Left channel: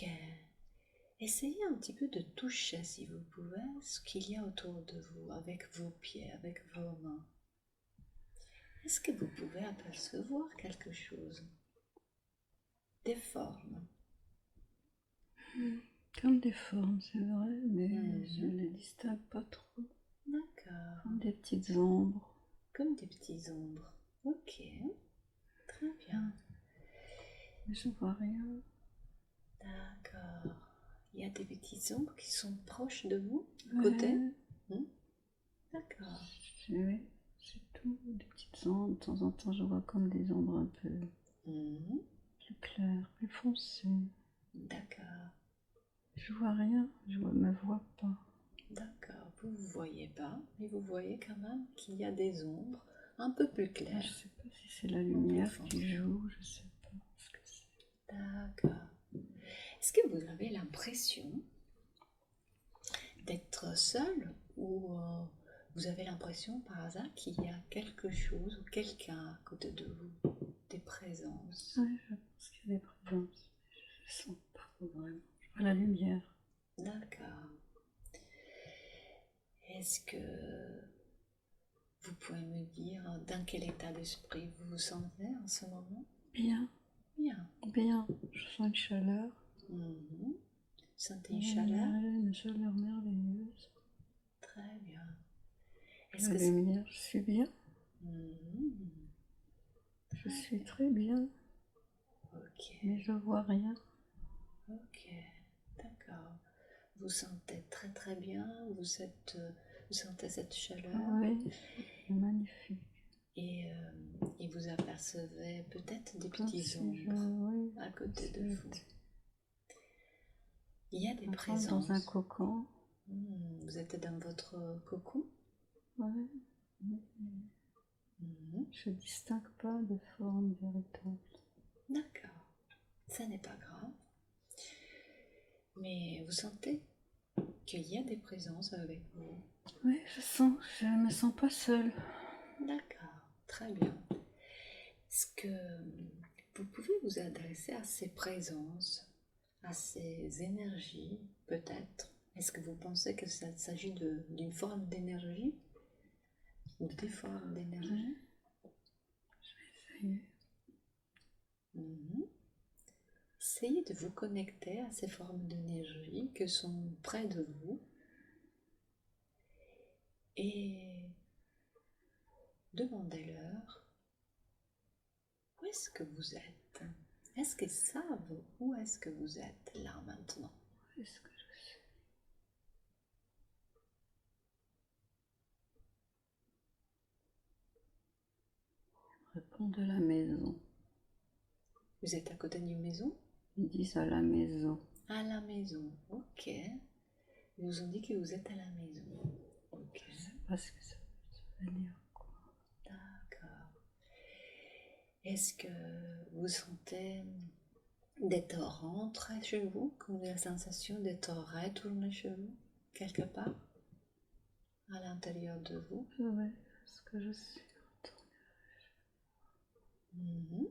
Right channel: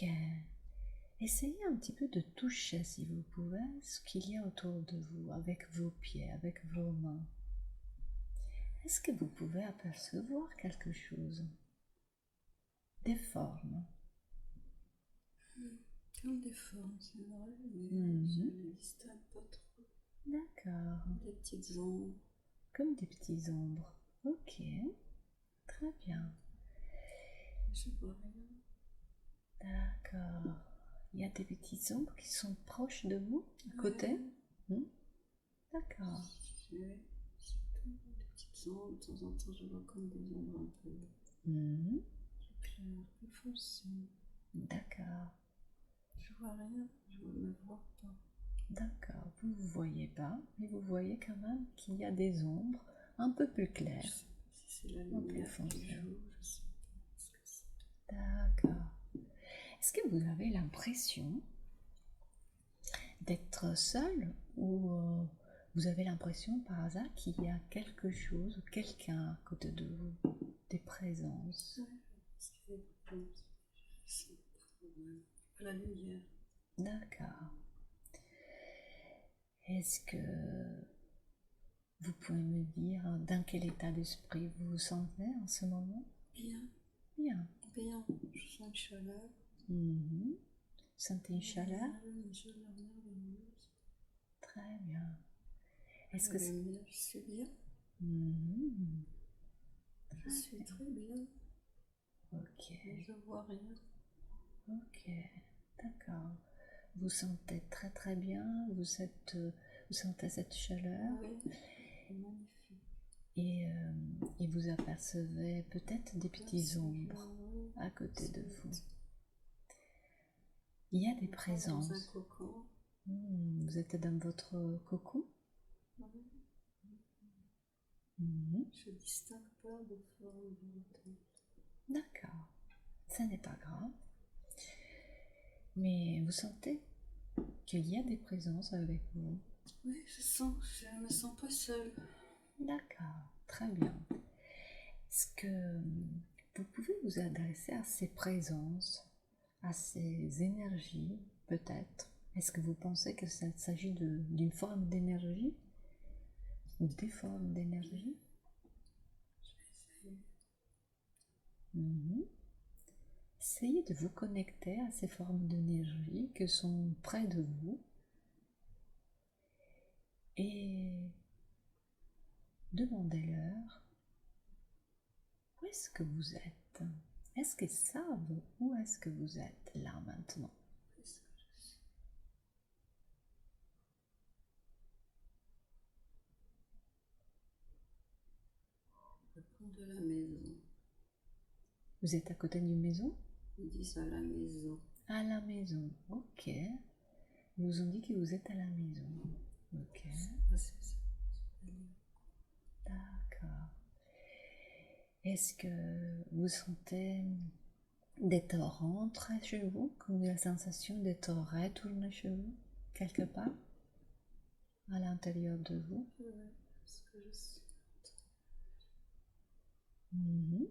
Ok. Essayez un petit peu de toucher, si vous pouvez, ce qu'il y a autour de vous, avec vos pieds, avec vos mains. Est-ce que vous pouvez apercevoir quelque chose? Des formes. Comme des formes, c'est vrai, mais je Mhm. ne les distingue pas trop. D'accord. Des petites ombres. Comme des petits ombres. Ok. Très bien. Mais je vois rien. D'accord. Il y a des petites ombres qui sont proches de vous, à Ouais, côté. D'accord. oui, c'est tout. Des petites ombres. De temps en temps, je vois comme des ombres un peu Mhm. plus claires, plus foncées. D'accord. Je vois rien, je me vois pas. D'accord. Vous ne voyez pas, mais vous voyez quand même qu'il y a des ombres un peu plus Je claires. sais pas si c'est la Un peu lumière qui foncées. joue, je sais pas ce que c'est. D'accord. Est-ce que vous avez l'impression d'être seul ou vous avez l'impression par hasard qu'il y a quelque chose ou quelqu'un à côté de vous, des présences? Ouais, je pense qu'il y a des présences. Je sens pas vraiment. Je vois la lumière. D'accord. Est-ce que vous pouvez me dire dans quel état d'esprit vous vous sentez en ce moment? Bien, Bien. bien. Je sens une chaleur. Mhm. Sentez une chaleur? Une chaleur merveilleuse. Très bien. Est-ce La que lumière, je suis bien. Mhm. Je Très suis bien. très bien. Ok. Mais je vois rien. Ok. D'accord. Vous sentez très très bien, vous sentez cette chaleur Oui, c'est magnifique. et vous apercevez peut-être des Comme petites si ombres oui, à comme côté si de vous. j'étais Il y a des un peu dans un présences. cocon. Vous êtes dans votre cocon. Ouais. Mhm. Je distingue pas de forme véritable. D'accord, ça n'est pas grave. Mais vous sentez qu'il y a des présences avec vous. Oui, je me sens pas seule. D'accord, très bien. Est-ce que vous pouvez vous adresser à ces présences, à ces énergies, peut-être? Est-ce que vous pensez que ça s'agit d'une forme d'énergie ou des formes d'énergie? Essayez. Mhm. Essayez de vous connecter à ces formes d'énergie qui sont près de vous et demandez-leur où est-ce que vous êtes? Est-ce qu'ils savent où est-ce que vous êtes là maintenant? Est-ce que je suis réponds de la maison. Vous êtes à côté d'une maison? Ils disent à la maison. À la maison, ok. Ils vous ont dit que vous êtes à la maison. Ok, Je sais pas ce que ça veut dire. d'accord. Est-ce que vous sentez d'être rentré chez vous, comme la sensation d'être retourné chez vous, quelque part, à l'intérieur de vous? Oui, est-ce que je suis Mhm.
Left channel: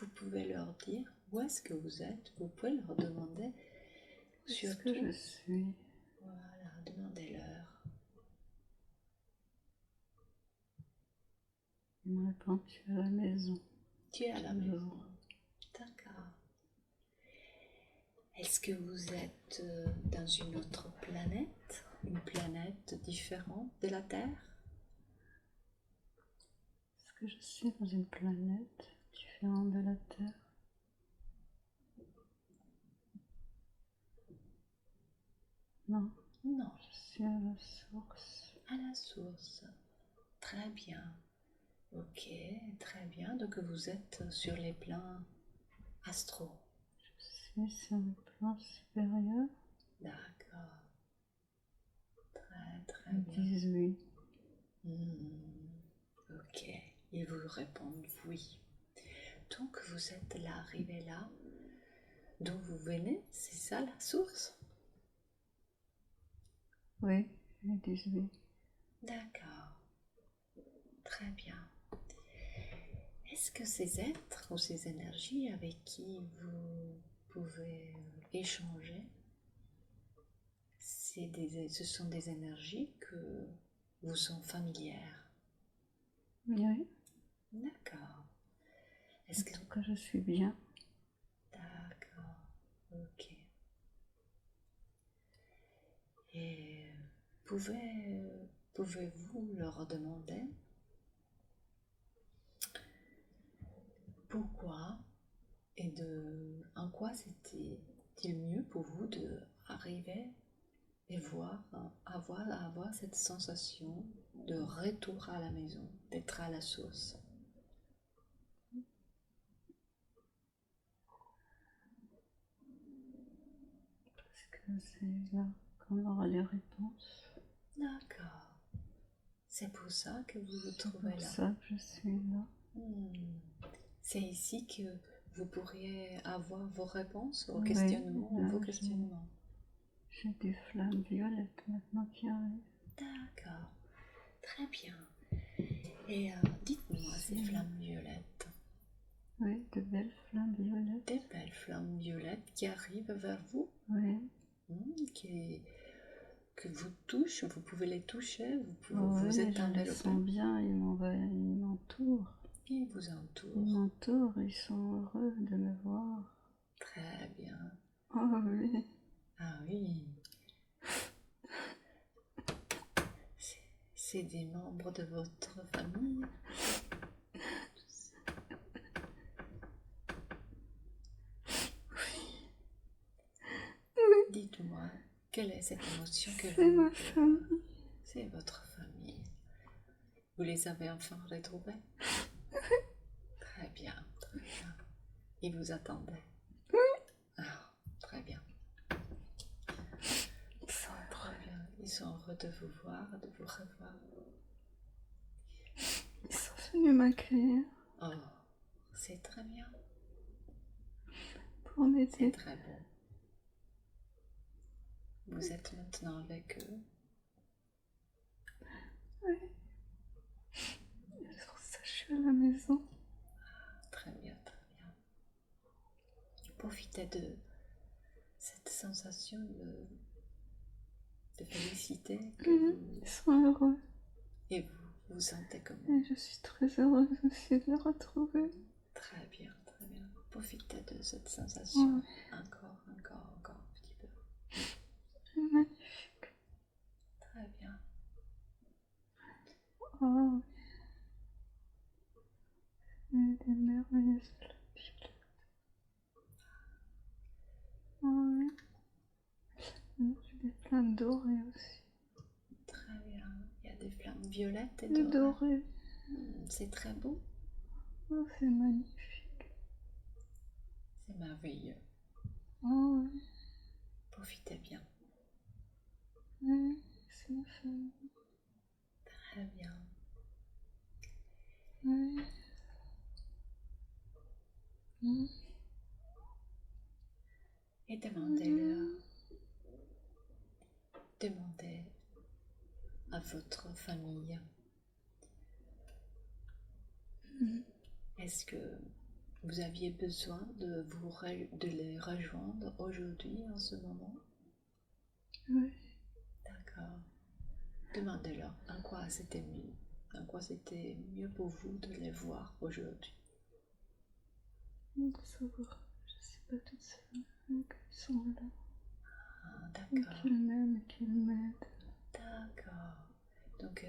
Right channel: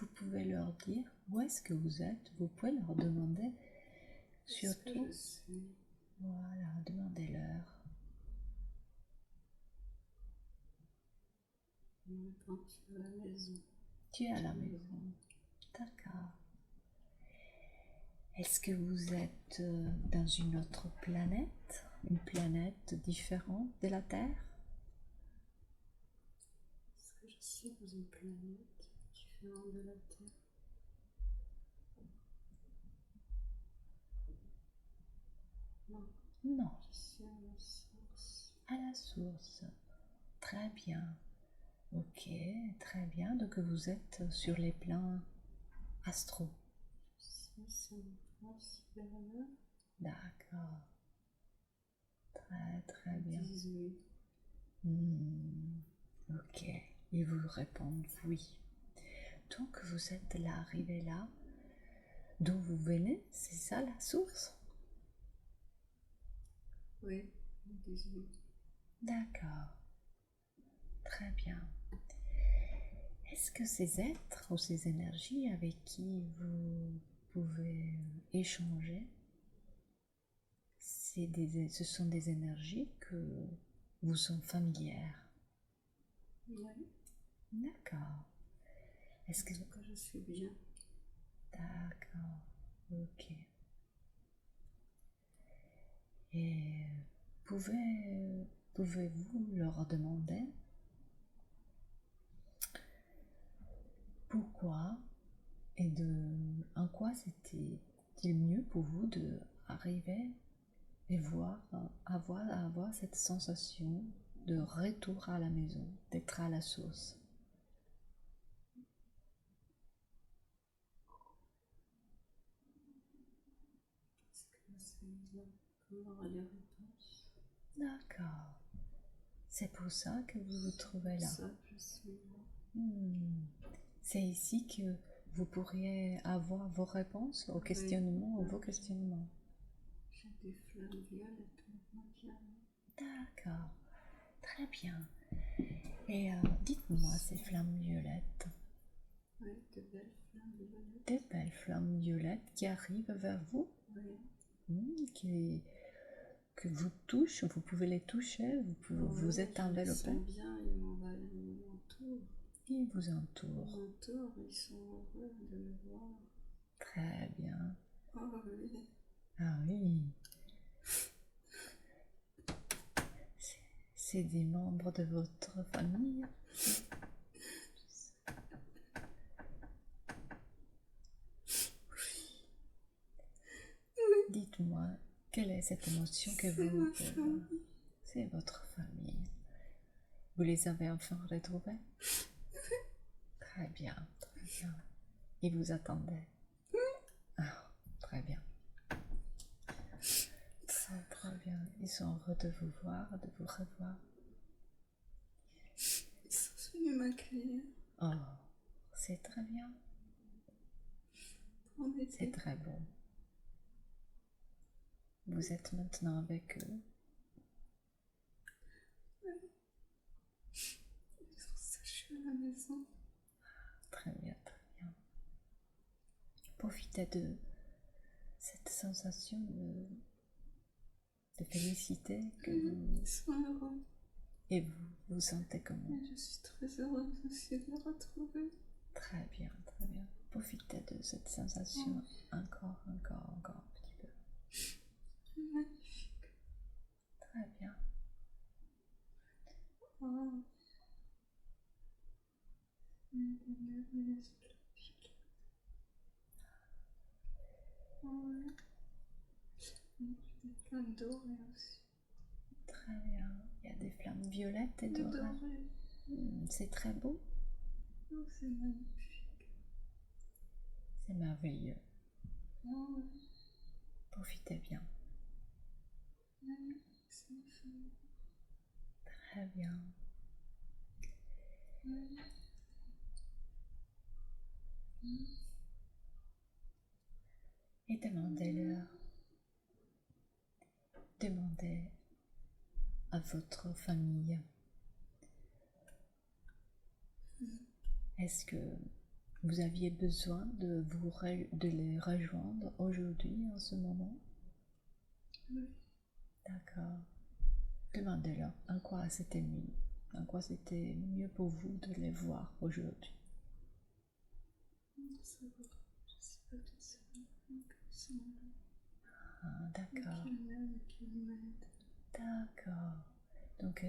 Vous pouvez leur dire où est-ce que vous êtes. Vous pouvez leur demander Est-ce que surtout. je suis Voilà, demandez-leur. Il me répond, tu es à la maison. Tu es à la maison. Toujours. D'accord. Est-ce que vous êtes dans une autre planète? Une planète différente de la Terre? Est-ce que je suis dans une planète différente de la Terre? Non, Non, je suis à la source. à la source. Très bien. Ok, très bien. Donc vous êtes sur les plans astro. Je suis sur le plan supérieur. D'accord. Très très Ils bien. disent oui. Ok. Ils vous répondent oui. Donc vous êtes là, arrivé là, d'où vous venez, c'est ça la source? Oui, ils disent oui. D'accord. Très bien. Est-ce que ces êtres ou ces énergies avec qui vous pouvez échanger, ce sont des énergies que vous sont familières? Oui. D'accord. Est-ce que... En tout cas, je suis bien. D'accord. Ok. Et pouvez-vous leur demander pourquoi et en quoi c'était-il mieux pour vous de arriver et avoir cette sensation de retour à la maison, d'être à la source? Parce que c'est là qu'on aura les réponses. D'accord. C'est pour ça que vous vous trouvez là. C'est pour ça que je suis là. C'est ici que vous pourriez avoir vos réponses aux Oui, questionnements, là, vos questionnements. J'ai des flammes violettes maintenant qui arrivent. D'accord. Très bien. Et dites-moi ces flammes violettes. Oui, de belles flammes violettes. Des belles flammes violettes qui arrivent vers vous. Oui. Que vous touchez, vous pouvez les toucher, vous êtes enveloppé. Ils sont bien, ils m'entourent. Ils vous entourent. Ils m'entourent, ils sont heureux de me voir. Très bien. Oh oui. Ah oui. C'est des membres de votre famille. Dites-moi, quelle est cette émotion que C'est ma famille. C'est votre famille. Vous les avez enfin retrouvés? Très bien, très bien. Ils vous attendaient? Ah, très bien. Très bien. Ils sont heureux de vous voir, de vous revoir. Ils sont venus m'accueillir. Oh, c'est très bien. Pour m'aider. C'est très bon. Vous êtes maintenant avec eux? Oui. C'est pour ça que je suis à la maison. Très bien, très bien. Profitez de cette sensation de félicité que Ils sont heureux. Et vous vous sentez comment? Et je suis très heureuse aussi de les retrouver. Très bien, très bien. Profitez de cette sensation encore un petit peu. C'est magnifique. Très bien. Oh, oui. Des merveilleuses flammes violettes. Oh, oui. J'ai des flammes dorées aussi. Très bien. Il y a des flammes violettes et Des dorées. dorées. C'est très beau. Oh, c'est magnifique. C'est merveilleux. Oh, oui. Profitez bien. Oui, c'est ma famille. Très bien. Oui. Et demandez-leur. Demandez à votre famille. Est-ce que vous aviez besoin de les rejoindre aujourd'hui, en ce moment? Oui. D'accord. Demandez-leur en quoi c'était mieux pour vous de les voir aujourd'hui. Pour savoir, je ne suis pas toute seule, donc ils sont là. Ah, d'accord. Qu'ils m'aiment et qu'ils m'aident. D'accord. Donc,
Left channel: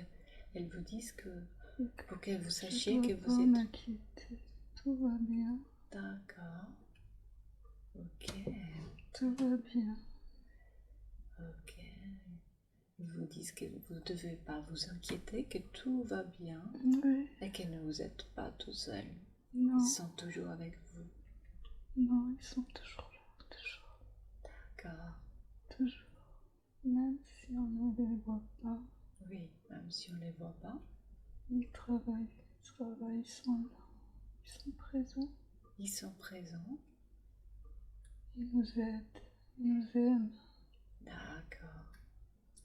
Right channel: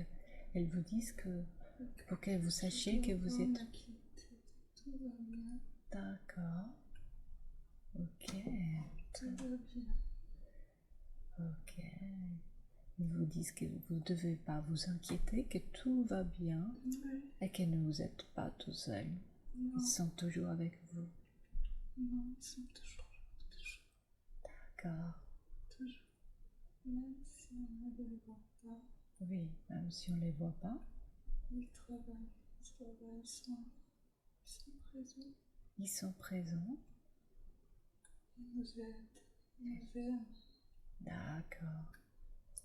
elles vous disent que pour que vous sachiez que vous pas êtes... m'inquiéter. Tout va bien. D'accord. Ok. Tout va bien. Ok. Ils vous disent que vous ne devez pas vous inquiéter, que tout va bien Oui. et que ne vous êtes pas tout seul. Non. Ils sont toujours avec vous. Non, ils sont toujours là. Toujours. D'accord. Toujours. Même si on ne les voit pas. Oui, même si on ne les voit pas. Ils travaillent. Ils sont là. Ils sont présents. Ils sont présents. Ils nous aident. Ils nous aiment. D'accord.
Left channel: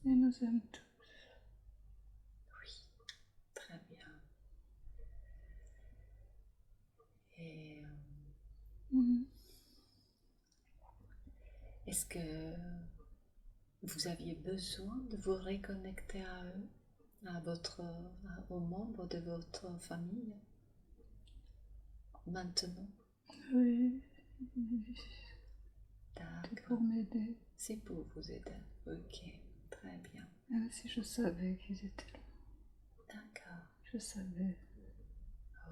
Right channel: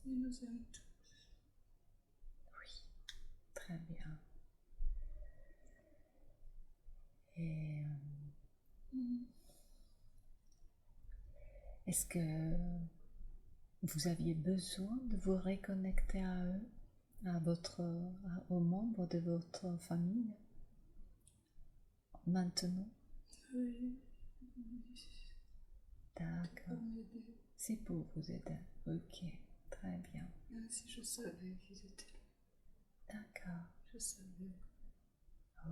Ils nous aiment tous. Oui, très bien. Est-ce que vous aviez besoin de vous reconnecter à eux, aux membres de votre famille maintenant? Oui, c'était D'accord. pour m'aider. C'est pour vous aider. Ok, très bien. Même si je savais qu'ils étaient là. D'accord. Je savais.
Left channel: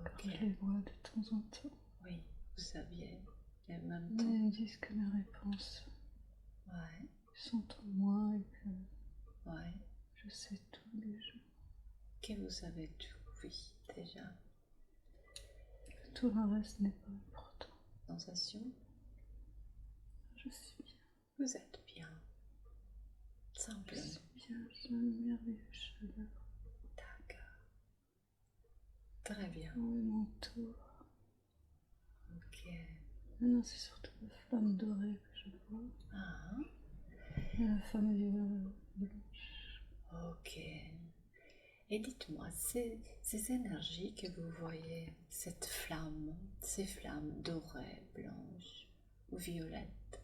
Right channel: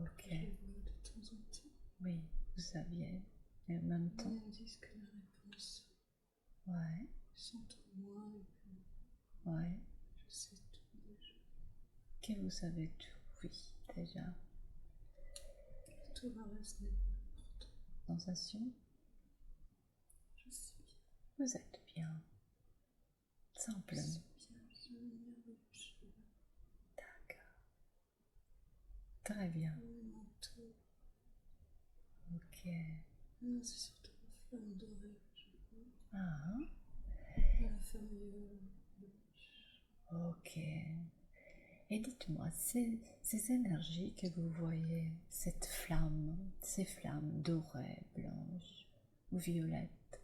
Ok. Je les vois de temps en temps. Oui, vous saviez. Et en même Mais temps. ils me disent que mes réponses Ouais, sont en moi et que ouais. je sais tout déjà. Que vous savez tout, oui, déjà. Tout le reste n'est pas important. Sensation? Je suis bien. Vous êtes bien. Je Simplement. suis bien. J'ai une merveilleuse chaleur. D'accord. Très bien. Tout m'entoure. Ok. Maintenant, c'est surtout la flamme dorée que je vois. Ah, Et la flamme blanche. ok. Et dites-moi, ces énergies que vous voyez, cette flamme, ces flammes dorées, blanches ou violettes,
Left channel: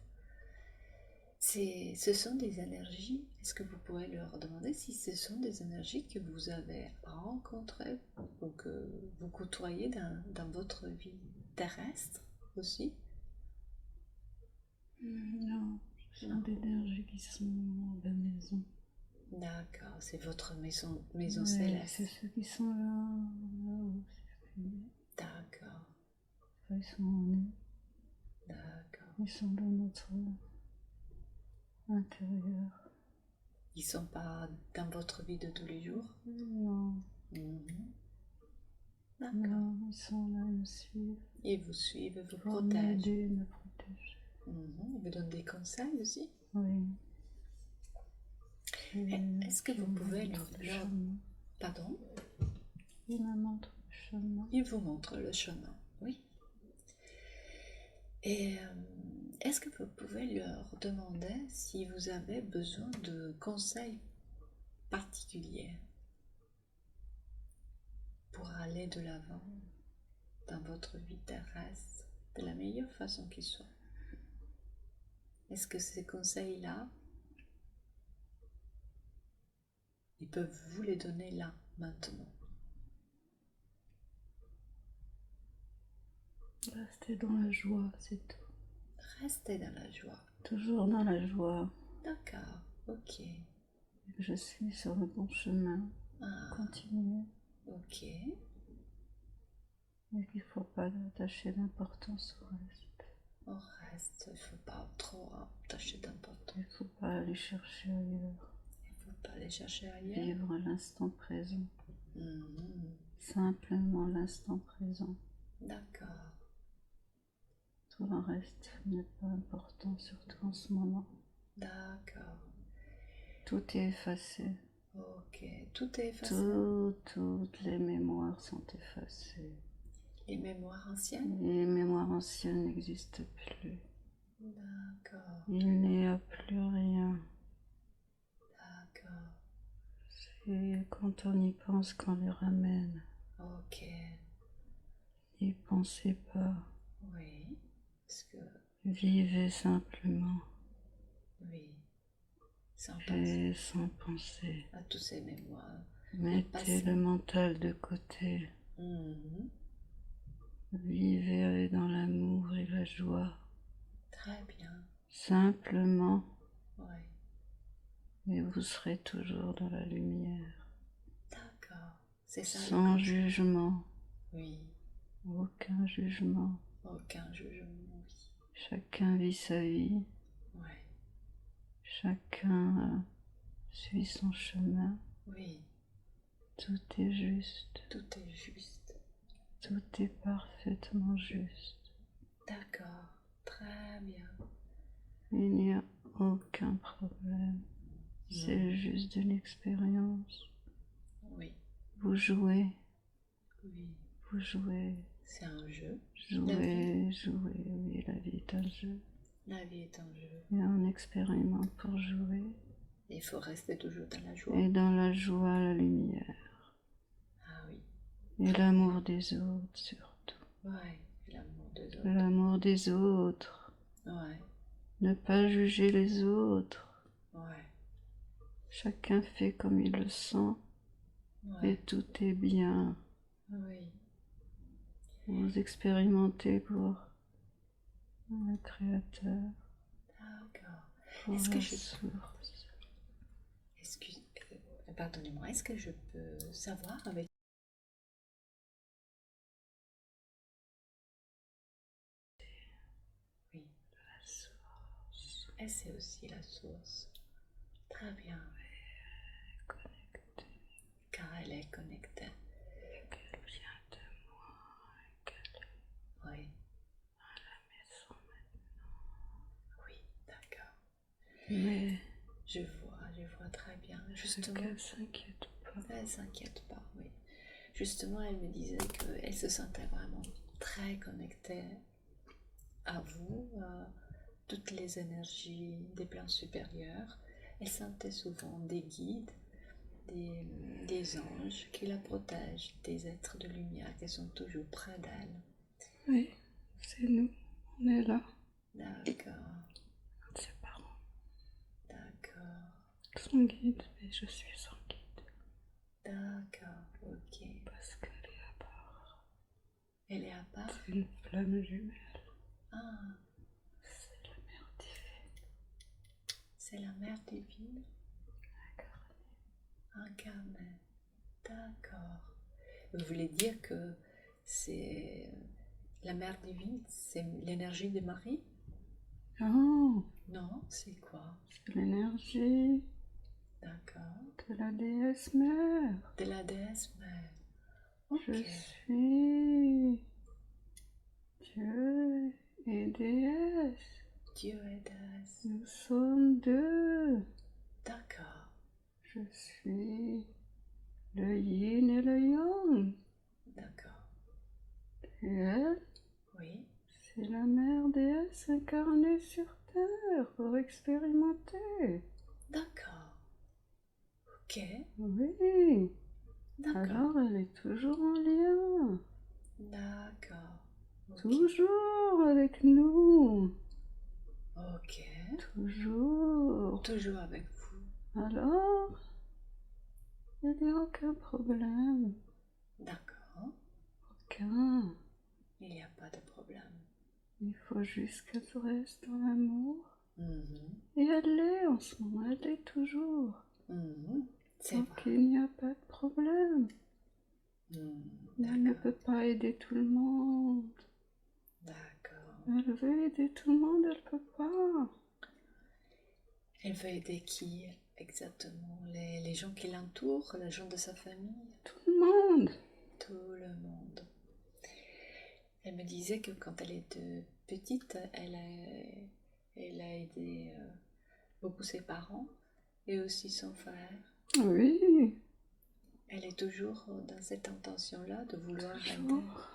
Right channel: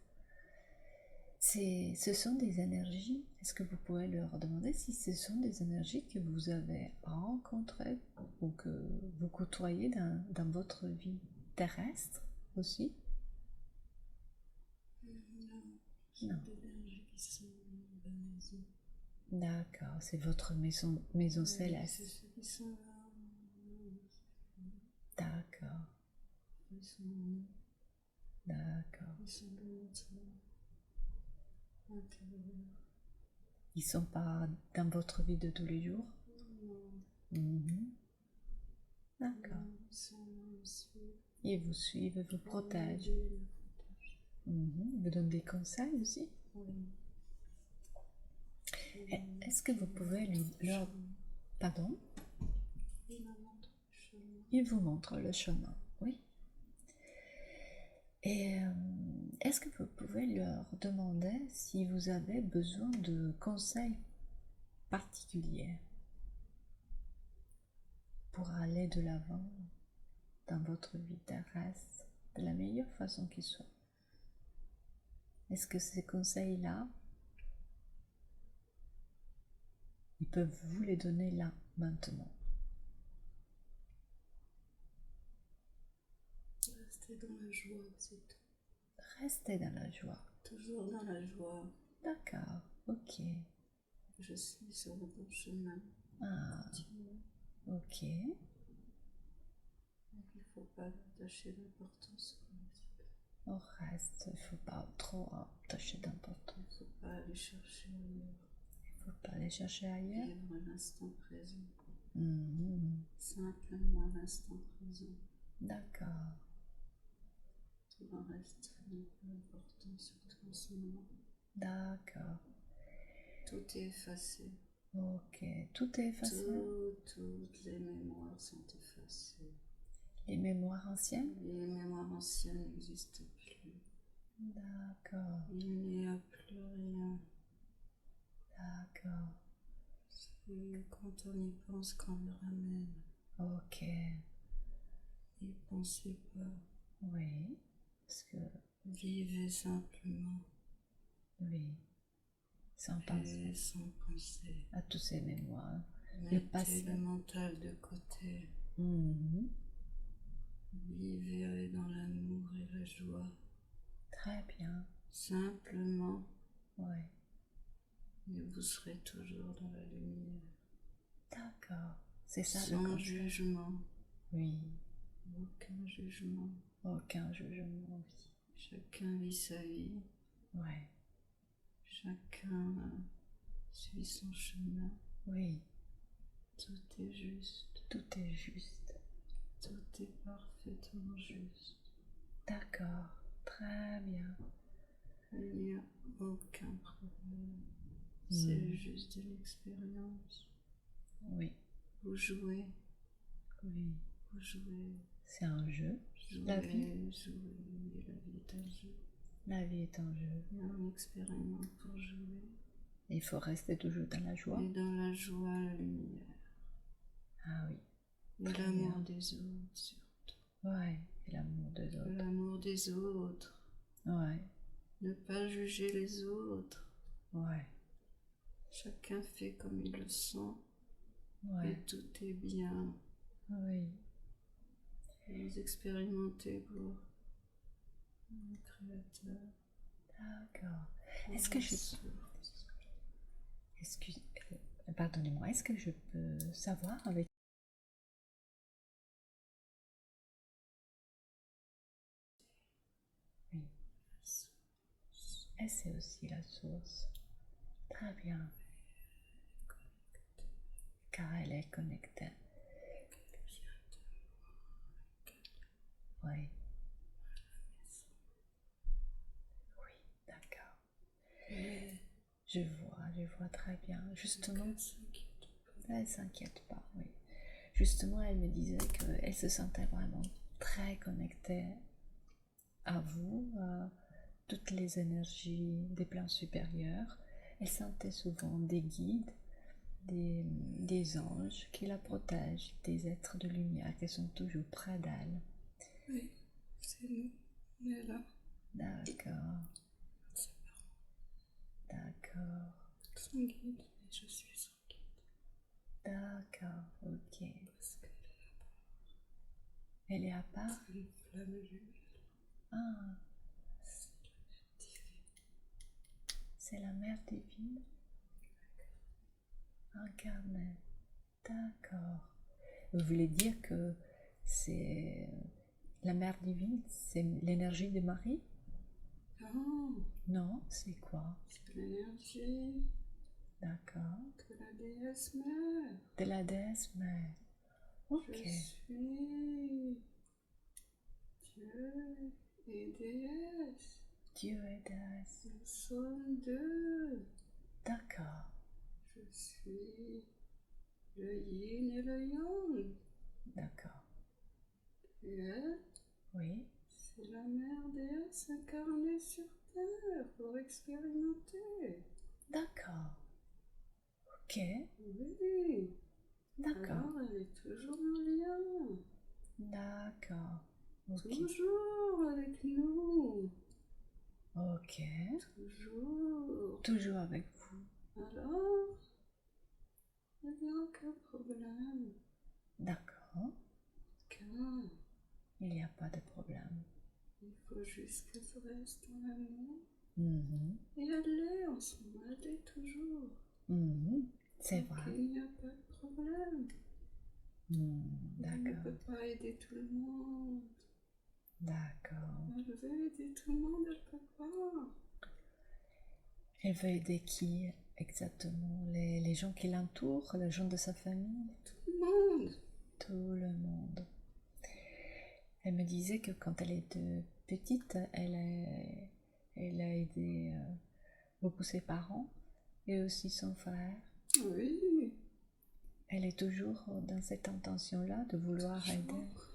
ce sont des énergies, est-ce que vous pouvez leur demander si ce sont des énergies que vous avez rencontrées ou que vous côtoyez dans votre vie terrestre aussi? Non, ce sont Non. des énergies qui sont à la maison. D'accord, c'est votre maison Ouais, céleste. c'est ceux qui sont là-haut, si je puis dire. D'accord, Enfin, ils sont en nous. d'accord. Ils sont dans notre intérieur. Ils sont pas dans votre vie de tous les jours? Non, Mhm. D'accord. non, ils sont là, ils me suivent. Ils vous suivent, ils vous Pour protègent. m'aider, me protéger. Mhm. Ils vous donnent des conseils aussi? Oui. Est-ce que vous pouvez leur... Pardon? Il me montre le chemin. Ils vous montrent le chemin, oui. Et est-ce que vous pouvez leur demander si vous avez besoin de conseils particuliers pour aller de l'avant dans votre vie terrestre de la meilleure façon qui soit? Est-ce que ces conseils-là, ils peuvent vous les donner là, maintenant? Rester dans la joie, c'est tout. Restez dans la joie. Toujours dans la joie. D'accord, ok. Et que je suis sur le bon chemin. Ah, Continuer. ok. Et qu'il ne faut pas attacher d'importance au reste. Au reste, il ne faut pas trop attacher d'importance. Il ne faut pas aller chercher ailleurs. Il ne faut pas aller chercher ailleurs. Vivre l'instant présent. Mhm. Simplement l'instant présent. D'accord. Tout le reste n'est pas important, surtout en ce moment. D'accord. Tout est effacé. Ok. Tout est effacé? Toutes les mémoires sont effacées. Les mémoires anciennes? Les mémoires anciennes n'existent plus. D'accord. Il n'y a plus rien. D'accord. C'est quand on y pense qu'on les ramène. Ok. N'y pensez pas. Oui. Parce que, Vivez simplement. oui. Sans penser Et sans penser. à toutes ces mémoires. Mettez le mental de côté. Mhm. Vivez dans l'amour et la joie. Très bien. Simplement. Oui. Et vous serez toujours dans la lumière. D'accord. C'est ça le Sans concept. jugement. Oui. Aucun jugement. Aucun jugement, oui. Chacun vit sa vie. Ouais. Chacun suit son chemin. Oui. Tout est juste. Tout est juste. Tout est parfaitement juste. D'accord. Très bien. Il n'y a aucun problème. C'est juste une expérience. Oui. Vous jouez. Oui. Vous jouez. C'est un jeu. Jouez, jouez. Oui, la vie est un jeu. La vie est un jeu. Et on expérimente pour jouer. Et il faut rester toujours dans la joie. Et dans la joie, la lumière. Ah oui. Et Très l'amour bien. des autres, surtout. Ouais. Et l'amour des autres. L'amour des autres. Ouais. Ne pas juger les autres. Ouais, Chacun fait comme il le sent et ouais, tout est bien. oui. Vous expérimentez pour le Créateur, D'accord. pour Est-ce que la je... source. Excuse... Pardonnez-moi, est-ce que je peux savoir avec... Oui, La source et c'est aussi la source. Très bien, est connectée, car elle est connectée. qu'elle vient de moi, qu'elle Oui, est à la maison oui, d'accord. maintenant. Mais Je vois très bien. Justement, qu'elle s'inquiète pas. elle s'inquiète pas, oui. Justement, elle me disait qu'elle se sentait vraiment très connectée à vous, à toutes les énergies des plans supérieurs. Elle sentait souvent des guides, des anges qui la protègent, des êtres de lumière qui sont toujours près d'elle. Oui, c'est nous, on est là. D'accord, Ses parents, d'accord, son guide, mais je suis son guide. d'accord, ok. Parce qu'elle est à part. Elle est à part? C'est une flamme jumelle. Ah, C'est la mère divine. c'est la mère divine incarnée. D'accord. Vous voulez dire que c'est la mère divine, c'est l'énergie de Marie? Non, Non, c'est quoi? c'est l'énergie D'accord. de la déesse mère. De la déesse mère. Je Ok. suis Dieu et déesse. Dieu et déesse. Nous sommes deux. D'accord. Je suis le yin et le yang. D'accord. Et elle, Oui. c'est la mère déesse incarnée sur Terre pour expérimenter. D'accord. Ok. Oui. D'accord. Alors elle est toujours en lien. D'accord. Ok. Toujours avec nous. Ok. Toujours. Toujours avec vous. Alors, il n'y a aucun problème. D'accord. Aucun. Il n'y a pas de problème. Il faut juste qu'elle reste dans l'amour. Mhm. Et elle l'est en ce moment, elle l'est toujours. Mhm. C'est Donc vrai. il n'y a pas de problème. Elle ne D'accord. peut pas aider tout le monde. D'accord. Elle veut aider tout le monde, elle peut pas. Elle veut aider qui exactement? Les gens qui l'entourent, les gens de sa famille? Tout le monde. Tout le monde. Elle me disait que quand elle était petite, elle a aidé beaucoup ses parents et aussi son frère. Oui, Elle est toujours dans cette intention-là de vouloir aider. toujours.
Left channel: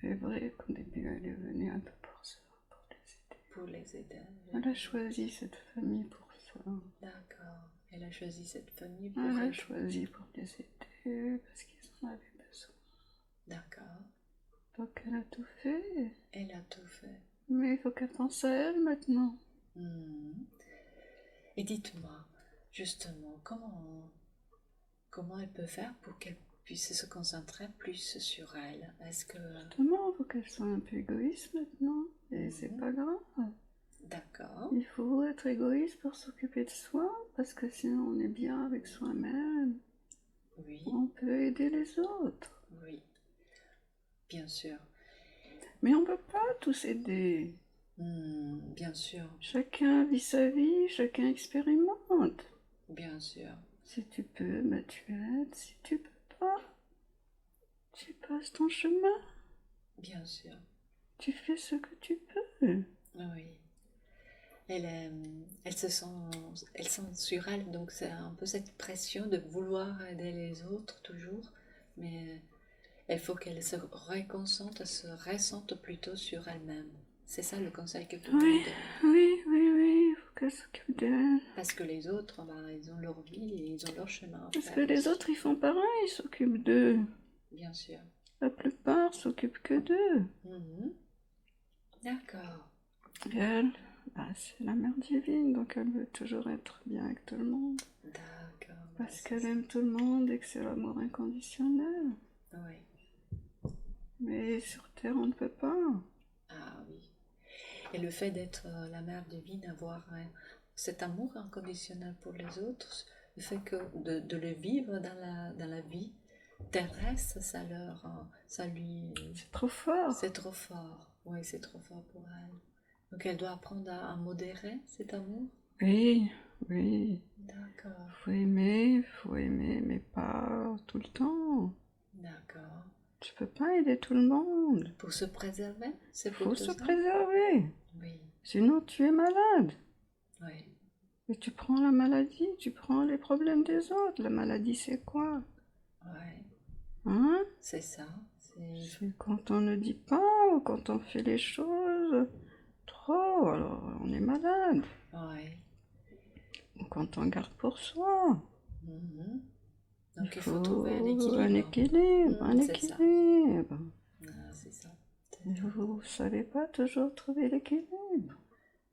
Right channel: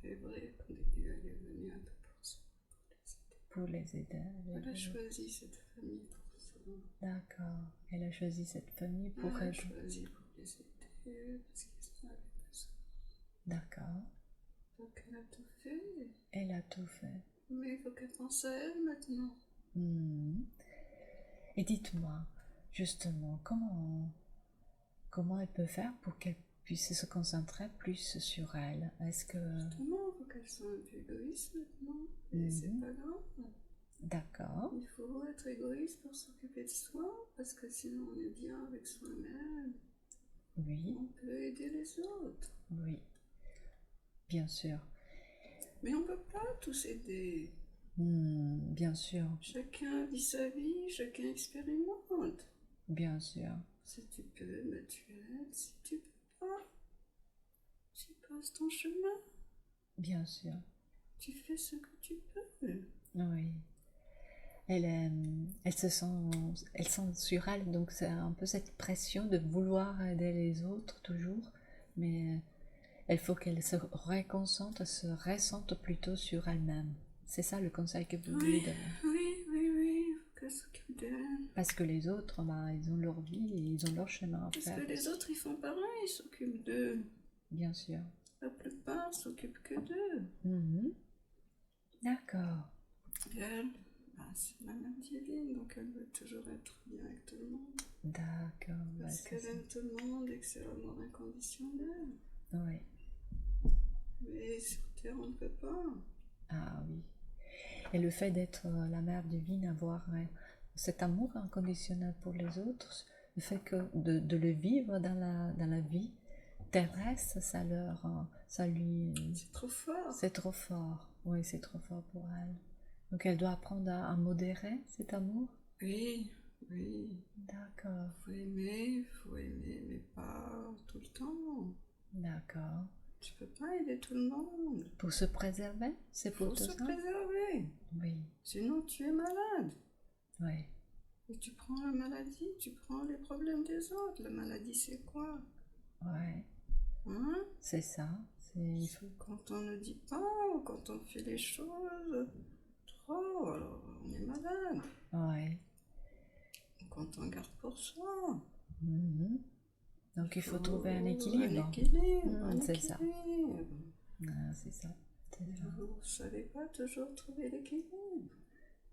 C'est vrai qu'au début, elle est venue un peu pour ça, pour les aider. Pour les aider. Elle a choisi cette famille pour ça. D'accord. Elle a choisi cette famille pour Elle a aider. choisi pour les aider parce qu'ils en avaient besoin. D'accord. Donc elle a tout fait. Elle a tout fait. Mais il faut qu'elle pense à elle maintenant. Et dites-moi, justement, comment elle peut faire pour qu'elle puisse se concentrer plus sur elle? Est-ce que... Justement, il faut qu'elle soit un peu égoïste maintenant. Et c'est pas grave. D'accord. Il faut être égoïste pour s'occuper de soi, parce que sinon on est bien avec soi-même. Oui, On peut aider les autres. oui, bien sûr. Mais on peut pas tous aider. Bien sûr, Chacun vit sa vie, chacun expérimente. bien sûr. Si tu peux, bah tu aides. Si tu peux pas, tu passes ton chemin. Bien sûr, Tu fais ce que tu peux. oui. Elle sent sur elle, donc c'est un peu cette pression de vouloir aider les autres toujours, mais il faut qu'elle se reconcentre, se ressente plutôt sur elle-même. C'est ça le conseil que vous lui Oui, donnez. oui, oui, oui, il faut qu'elle s'occupe d'elle. Parce que les autres, bah, ils ont leur vie et ils ont leur chemin à Parce faire. que les autres, ils font pareil, ils s'occupent d'eux. Bien sûr. La plupart s'occupent que d'eux. D'accord. Et elle, c'est la mère divine, donc elle veut toujours être bien avec tout le monde. D'accord. Parce c'est qu'elle ça. aime tout le monde et que c'est l'amour inconditionnel. Oui. Mais sur Terre, on ne peut pas. Ah oui. Et le fait d'être la mère divine, avoir cet amour inconditionnel pour les autres, le fait de le vivre dans la vie terrestre, ça lui, C'est trop fort. c'est trop fort. Oui, c'est trop fort pour elle. Donc elle doit apprendre à modérer cet amour. Oui, oui. D'accord, Faut aimer, mais pas tout le temps. d'accord. Tu peux pas aider tout le monde. Pour se préserver, c'est pour Faut tout se ça. préserver. Oui, Sinon, tu es malade. oui, Et tu prends la maladie, tu prends les problèmes des autres. La maladie, c'est quoi? ouais. Hein? C'est ça. C'est C'est quand on ne dit pas ou quand on fait les choses trop, alors on est malade. ouais. Ou quand on garde pour soi. Mhm. Donc il faut faut trouver un un équilibre. équilibre, un C'est ça. équilibre. Ah, c'est ça. C'est Mais ça. vous savez pas toujours trouver l'équilibre.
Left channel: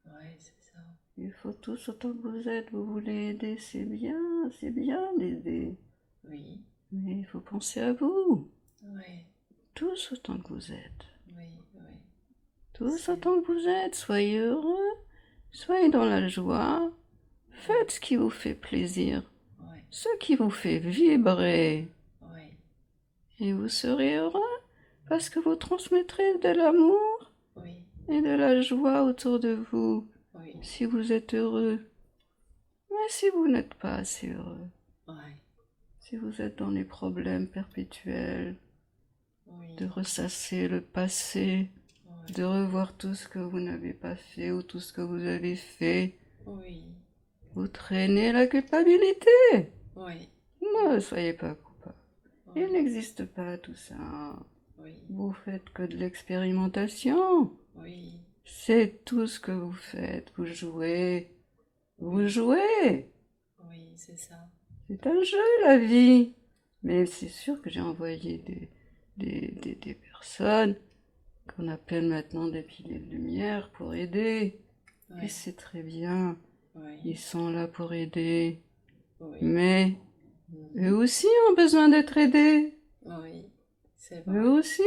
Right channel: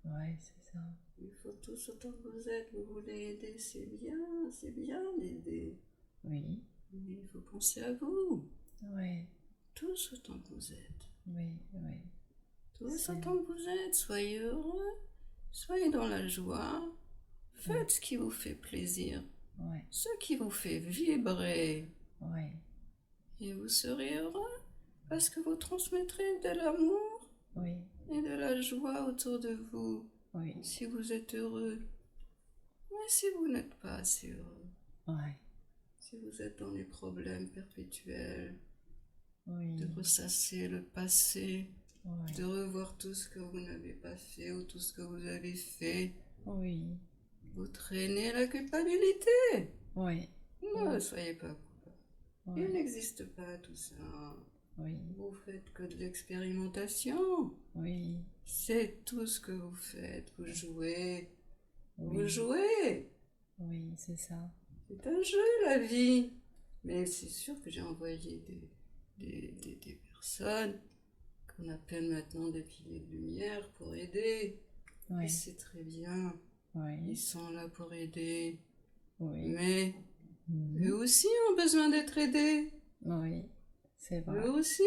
Ouais, c'est ça. Il faut tous autant que vous êtes, vous voulez aider, c'est bien d'aider. Oui, Mais il faut penser à vous. oui, Tous autant que vous êtes. oui, oui. Tous C'est- autant que vous êtes. Soyez heureux. Soyez dans la joie. Faites ce qui vous fait plaisir. Ouais, Ce qui vous fait vibrer. ouais, Et vous serez heureux parce que vous transmettrez de l'amour oui, et de la joie autour de vous. oui, Si vous êtes heureux. Mais si vous n'êtes pas assez heureux. ouais, Si vous êtes dans les problèmes perpétuels, oui, de ressasser le passé, ouais, de revoir tout ce que vous n'avez pas fait ou tout ce que vous avez fait, oui, vous traînez la culpabilité. oui, Ne soyez pas coupable. Il oui, n'existe pas tout ça. oui, Vous faites que de l'expérimentation. oui, C'est tout ce que vous faites. Vous jouez. Vous oui, jouez. oui, c'est ça. C'est un jeu, la vie. Mais c'est sûr que j'ai envoyé des personnes qu'on appelle maintenant des piliers de lumière pour aider. Et Oui, c'est très bien. oui, Ils sont là pour aider. oui, Mais mhm, eux aussi ont besoin d'être aidés. oui, c'est Eux vrai. aussi.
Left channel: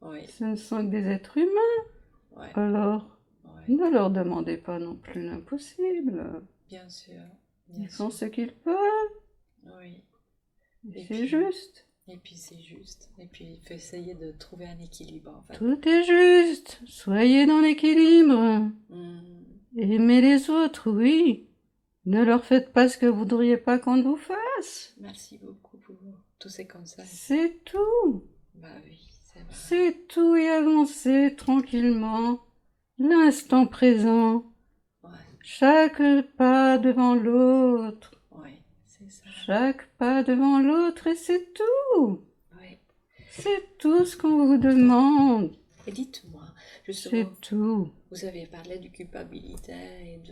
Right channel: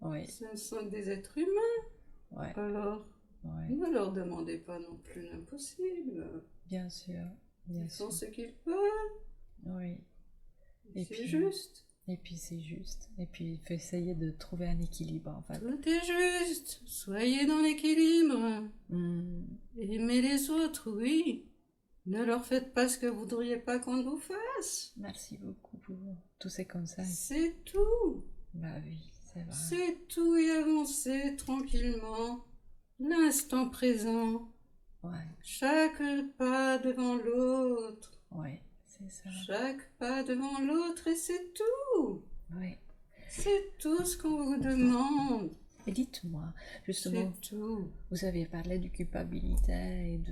Oui, Ce ne sont que des êtres humains. ouais, Alors, ouais, ne leur demandez pas non plus l'impossible. bien sûr, bien Ils font sûr. ce qu'ils peuvent. Oui. Et C'est puis, juste. et puis c'est juste. Et puis il faut essayer de trouver un équilibre en fait. Tout est juste. Soyez dans l'équilibre. Hmm, Aimez les autres, oui. Ne leur faites pas ce que vous voudriez pas qu'on vous fasse. Merci beaucoup pour tous ces conseils. C'est tout. Bah oui, c'est vrai. C'est tout et avancez tranquillement. L'instant présent. Ouais, Chaque pas devant l'autre. ouais, c'est ça. Chaque pas devant l'autre et c'est tout. Ouais. C'est tout ce qu'on vous demande. Et dites-moi, C'est justement, tout. vous avez parlé de culpabilité et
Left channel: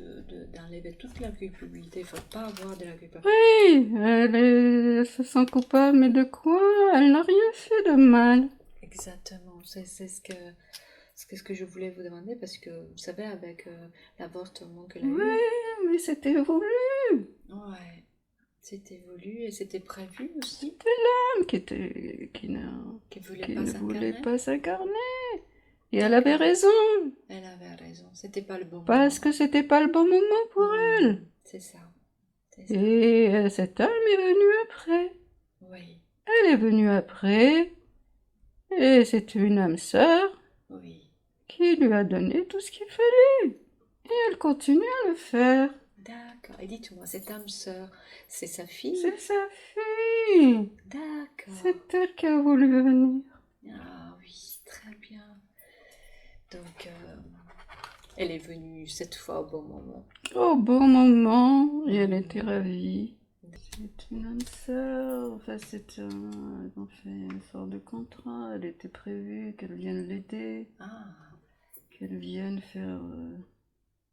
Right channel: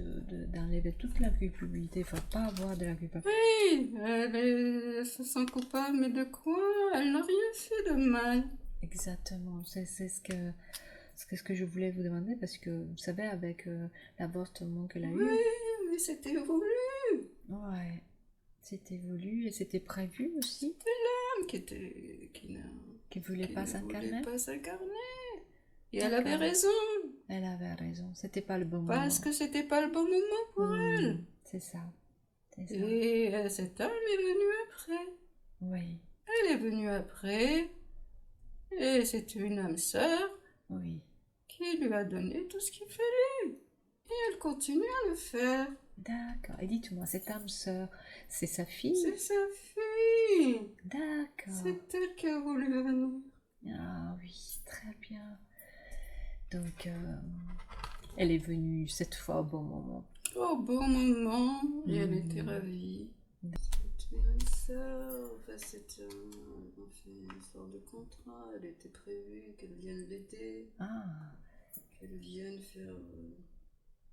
d'enlever toute la culpabilité. Il ne faut pas avoir de la culpabilité. Oui, elle se sent coupable, mais de quoi? Elle n'a rien fait de mal. Exactement. C'est ce que je voulais vous demander parce que vous savez, avec l'avortement qu'elle a Oui, eu, mais c'était voulu. ouais, c'était voulu et c'était prévu aussi, Femme qui qu'il ne voulait ne pas voulait s'incarner. pas s'incarner. Et elle D'accord. avait raison, Elle avait raison. C'était pas le bon moment. parce que c'était pas le bon moment pour elle. C'est ça. C'est ça. Et cette âme est venue après. Oui, Elle est venue après, et c'est une âme sœur oui. qui lui a donné tout ce qu'il fallait. Et elle continue à le faire. D'accord. Et dites-moi, cette âme sœur, c'est sa fille? C'est sa fille. D'accord. C'est elle qui a voulu venir. Ah oui, très bien. Donc, elle est venue cette fois au bon moment. Au bon moment, et elle Mhm. était ravie. C'est une âme sœur, enfin ils ont fait une sorte de contrat, elle était prévue qu'elle vienne l'aider, Ah, qu'elle vienne faire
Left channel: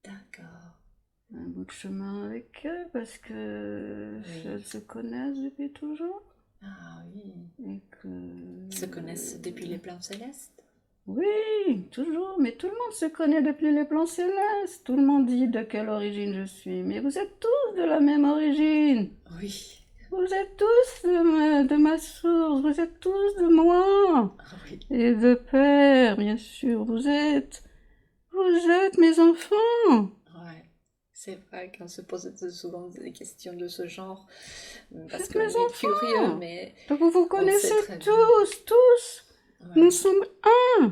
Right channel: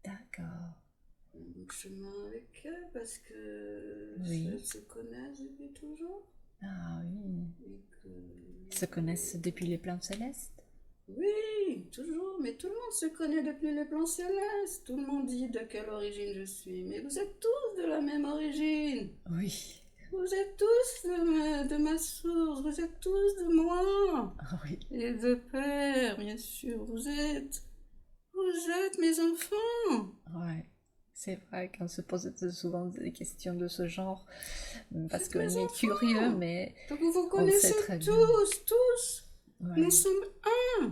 d'accord. un bout de chemin avec eux, parce que Oui. elles se connaissent depuis toujours, Ah oui. et que... Ils se connaissent depuis les plans célestes? Oui, oui, toujours, mais tout le monde se connaît depuis les plans célestes. Tout le monde dit de quelle origine je suis, mais vous êtes tous de la même origine. Oui, Vous êtes tous de ma source, vous êtes tous de moi. oui, Et de père, bien sûr, vous êtes mes enfants. ouais. C'est vrai qu'on se pose souvent des questions de ce genre, Vous parce êtes mes qu'on est curieux, enfants. mais Donc vous vous on sait connaissez très bien. tous. Nous Ouais, sommes un.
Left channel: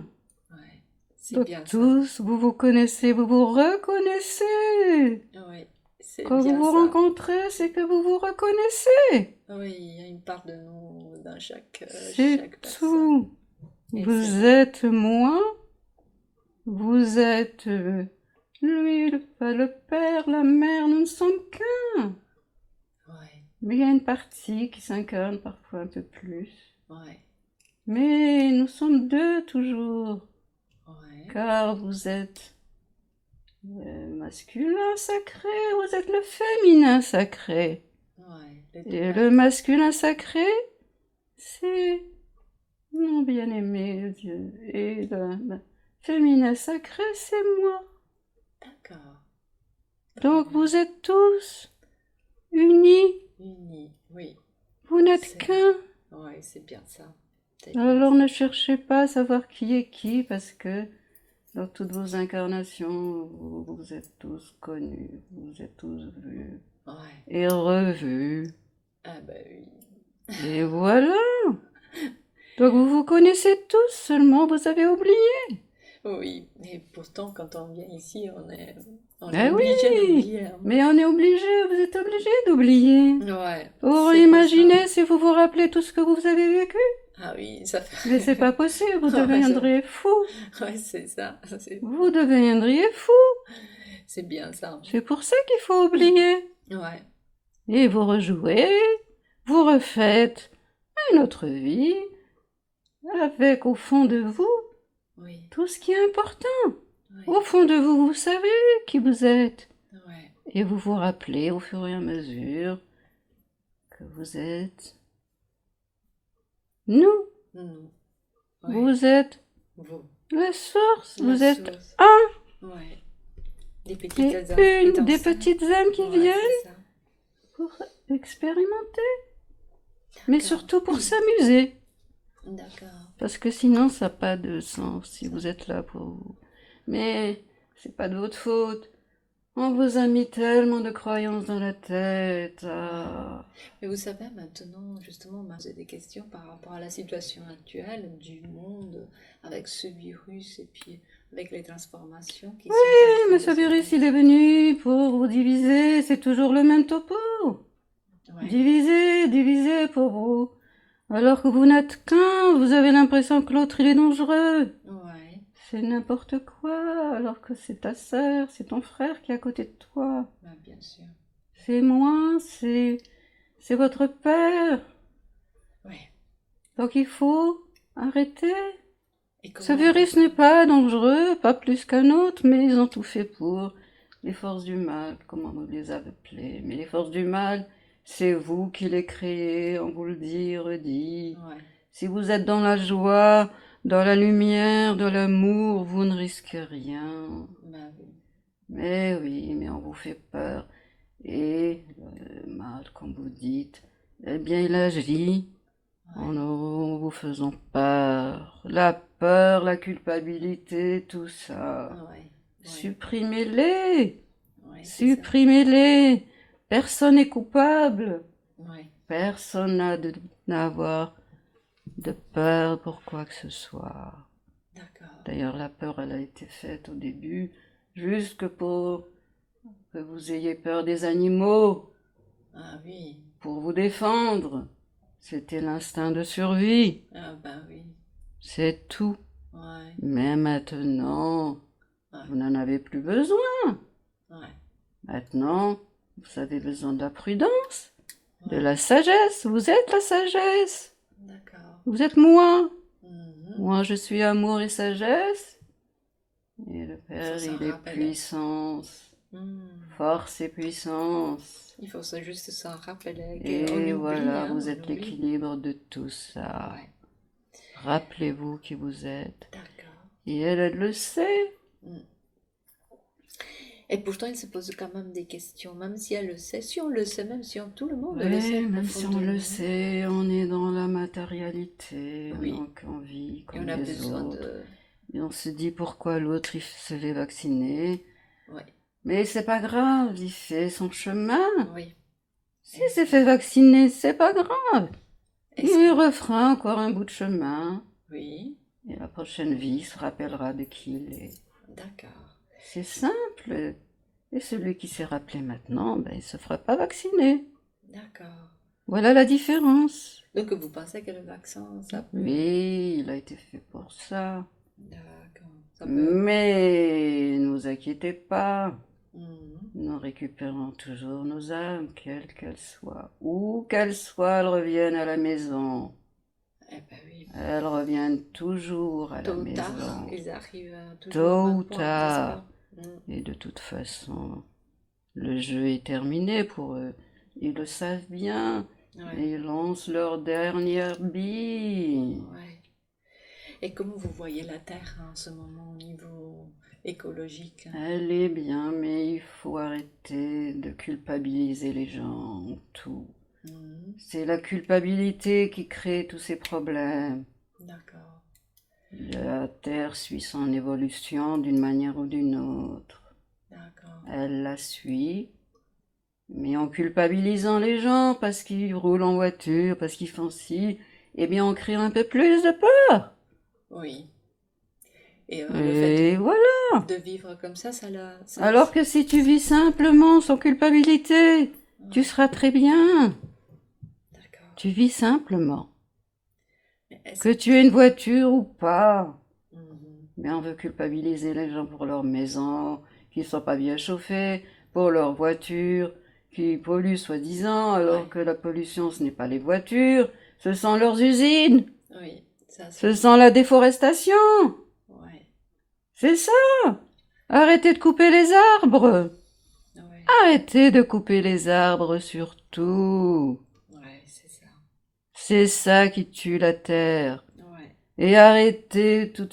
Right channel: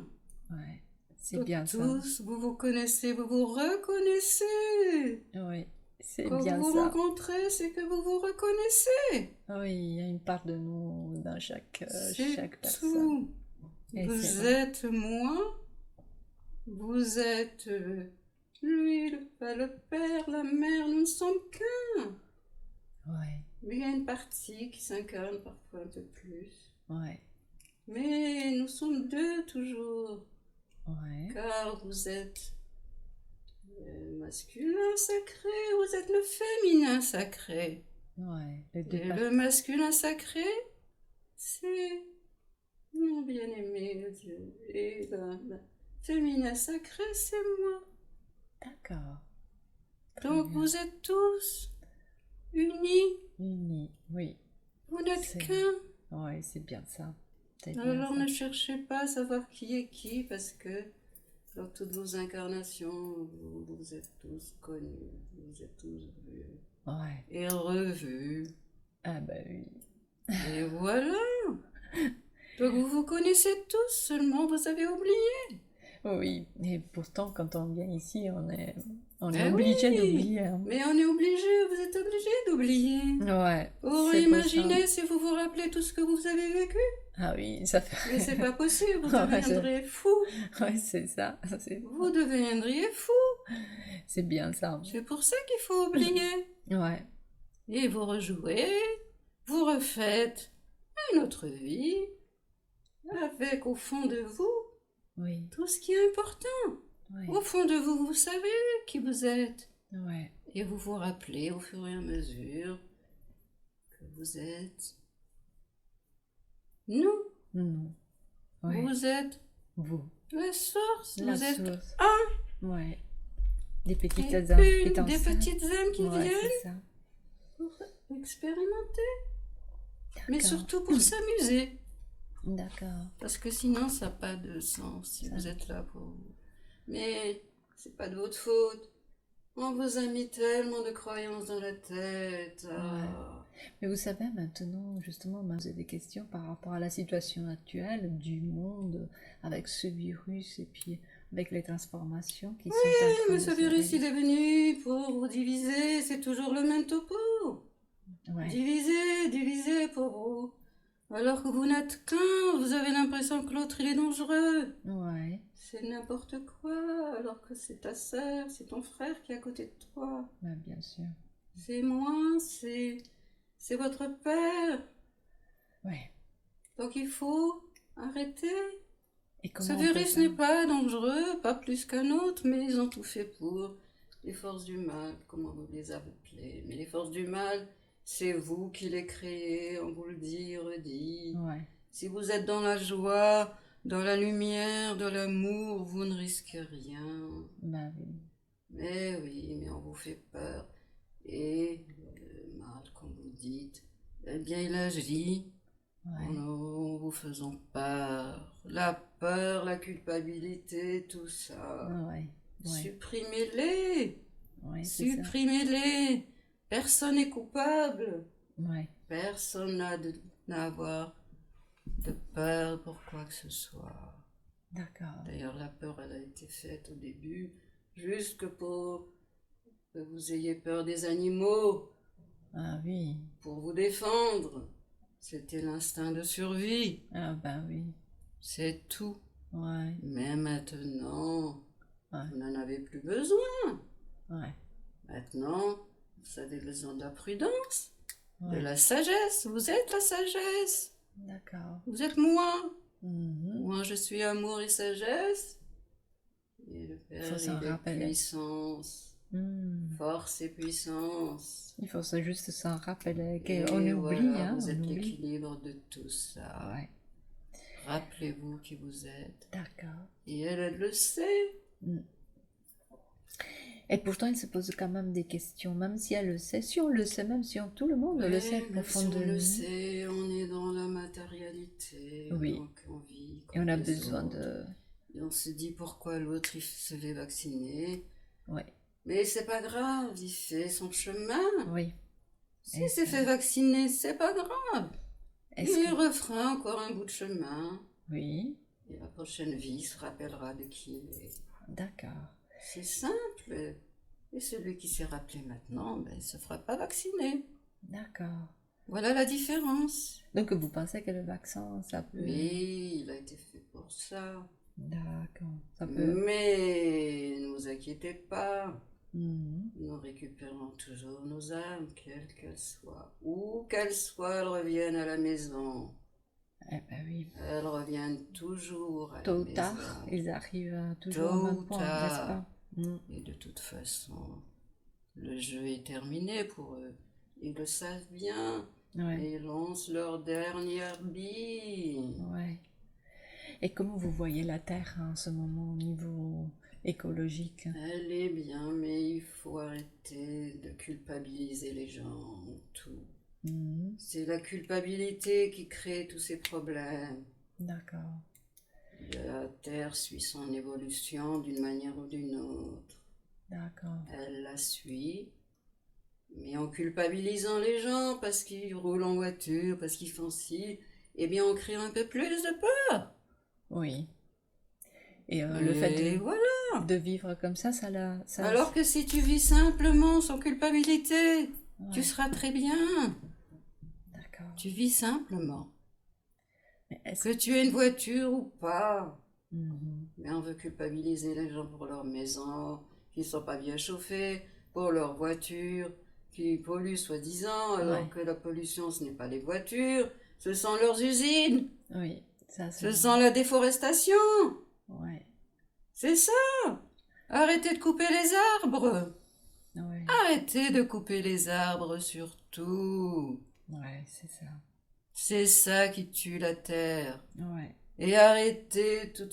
ouais, c'est Donc bien ça. tous, vous vous connaissez, vous vous reconnaissez. Oui, c'est Quand vous bien vous ça. rencontrez, c'est que vous vous reconnaissez. Oui, il y a une part de nous dans C'est chaque personne. tout. Et c'est Vous vrai. êtes moi, vous êtes lui, le père, la mère, nous ne sommes qu'un. Ouais, Mais il y a une partie qui s'incarne parfois un peu plus. ouais, Mais nous sommes deux toujours, ouais, car vous êtes le masculin sacré, vous êtes le féminin sacré. ouais. Les deux Et le parties. masculin sacré, c'est mon bien-aimé Dieu. Et le féminin sacré, c'est moi. D'accord. Très Donc bien. vous êtes tous unis, Unis, oui. vous n'êtes C'est, qu'un. ouais, c'est bien ça. C'est bien Alors ça. ne cherchez pas à savoir qui est qui, parce que dans toutes vos incarnations, vous êtes tous connus, vous êtes tous vus Ouais. et revus. Ah bah oui. Et voilà. Donc vous vous connaissez tous, seulement vous avez oublié. Oui. Et pourtant, quand on vient ici, on est Eh obligé oui, d'oublier, hein. mais on est obligé, vous êtes obligé d'oublier. Ouais, Vous c'est pour ça. imaginez si vous vous rappelez tout ce que vous avez vécu. Ah oui, ça Mais fait. c'est pas possible, vous Ouais, deviendrez fou. ouais, c'est ça. Vous deviendriez fou. C'est bien ça. C'est pour ça qu'il faut oublier. Ouais, Et vous rejouez, vous refaites une autre vie, avec au fond de vous oui, tout ce qui est important. oui, Au fond de vous, vous savez qui vous êtes. ouais. Et vous vous rappelez au fur et à mesure que vous êtes nous. Nous, ouais. Vous êtes Vous. la source. La Vous êtes source. un. Ouais. Des Et petites une des étincelles. petites âmes qui Ouais, viennent c'est ça. pour expérimenter. Mais D'accord. surtout pour s'amuser. D'accord. Parce que sinon, ça n'a pas de sens si Ça. vous êtes là pour vous. Mais c'est pas de votre faute. On vous a mis tellement de croyances dans la tête. Ah. Mais vous savez, maintenant, justement, on m'a posé des questions par rapport à la situation actuelle du monde avec ce virus et puis avec les transformations qui sont en train Mais de ce se virus, il est venu pour vous diviser. C'est toujours le même topo. Ouais, Diviser, diviser pour vous. Alors que vous n'êtes qu'un, vous avez l'impression que l'autre, il est dangereux. ouais, C'est n'importe quoi, alors que c'est ta sœur, c'est ton frère qui est à côté de toi. bah, bien sûr. C'est moi, c'est votre père. Ouais. Donc il faut arrêter. Et Ce comment on peut virus faire? n'est pas dangereux, pas plus qu'un autre, mais ils ont tout fait pour. Les forces du mal, comment vous les appelez. Mais les forces du mal, c'est vous qui les créez, on vous le dit, redit. Ouais, Si vous êtes dans la joie, dans la lumière, dans l'amour, vous ne risquez rien. bah oui. Mais oui, mais on vous fait peur. Et le mal, comme vous dites, eh bien, il agit en Ouais, vous faisant peur. La peur, la culpabilité, tout ça. ah ouais, ouais, Supprimez-les. ouais, c'est ça. Supprimez-les. Personne n'est coupable. Ouais, Personne n'a à avoir de peur pour quoi que ce soit. d'accord. D'ailleurs, la peur, elle a été faite au début juste pour que vous ayez peur des animaux, Ah oui, pour vous défendre. C'était l'instinct de survie. ah bah oui. C'est tout. Ouais, Mais maintenant, ouais, vous n'en avez plus besoin. ouais, Maintenant, vous avez besoin de la prudence, de ouais. la sagesse. Vous êtes la sagesse. D'accord. Vous êtes moi. Mhm. Moi, je suis amour et sagesse. Et le Il faut Père, s'en il est rappeler. puissance, Hmm. force et puissance. Il faut juste s'en rappeler Et qu'on oublie, voilà, hein, vous on êtes oublie. l'équilibre de tout ça. Ouais. Rappelez-vous qui vous êtes. D'accord. Et elle le sait. Mm. Et pourtant, il se pose quand même des questions, même si elle le sait, si on le sait, même si tout le monde le sait Ouais, même si on le profondément. sait, on est dans la matérialité, Oui. donc on vit Et on comme a les besoin autres. de... Et on se dit pourquoi l'autre il se fait vacciner. Oui, Mais c'est pas grave, il fait son chemin. oui. S'il s'est fait vacciner, c'est pas grave. Est-ce Il que... refera encore un bout de chemin. Oui, Et la prochaine vie il se rappellera de qui il est. d'accord, C'est simple. Et celui qui s'est rappelé maintenant, ben, il ne se fera pas vacciner. d'accord. Voilà la différence. Donc vous pensez que le vaccin, ça peut... Oui, il a été fait pour ça. D'accord, ça peut... Mais ne vous inquiétez pas. Mhm. Nous récupérons toujours nos âmes, quelles qu'elles soient. Où qu'elles soient, elles reviennent à la maison. Eh ben oui, Elles reviennent toujours à la tôt ou maison. tard, ils arrivent toujours Tôt au ou même point, n'est-ce tard. pas? Mm. Et de toute façon, le jeu est terminé pour eux. Ils le savent bien. Ouais, Et ils lancent leur dernière bille. ouais. Et comment vous voyez la Terre en ce moment au niveau écologique? Elle est bien, mais il faut arrêter de culpabiliser les gens. Tout. Mhm. C'est la culpabilité qui crée tous ces problèmes. D'accord, La Terre suit son évolution d'une manière ou d'une autre. d'accord. Elle la suit, mais en culpabilisant les gens parce qu'ils roulent en voiture, parce qu'ils font ci, eh bien on crée un peu plus de peur. Oui. Et le fait Et voilà. de vivre comme ça la... Ça, Alors que si tu vis simplement sans culpabilité, tu ouais, seras très bien. d'accord. Tu vis simplement. Mais est-ce... Que tu aies une voiture ou pas. Mhm. Mais on veut culpabiliser les gens pour leur maison, qui ne sont pas bien chauffés, pour leur voiture, qui polluent soi-disant, alors Ouais, que la pollution, ce n'est pas les voitures, ce sont leurs usines, oui, ça c'est ce vrai. sont la déforestation. Ouais, C'est ça. Arrêtez de couper les arbres. ouais, Arrêtez de couper les arbres surtout. ouais, c'est ça. C'est ça qui tue la terre. Ouais, Et arrêtez tous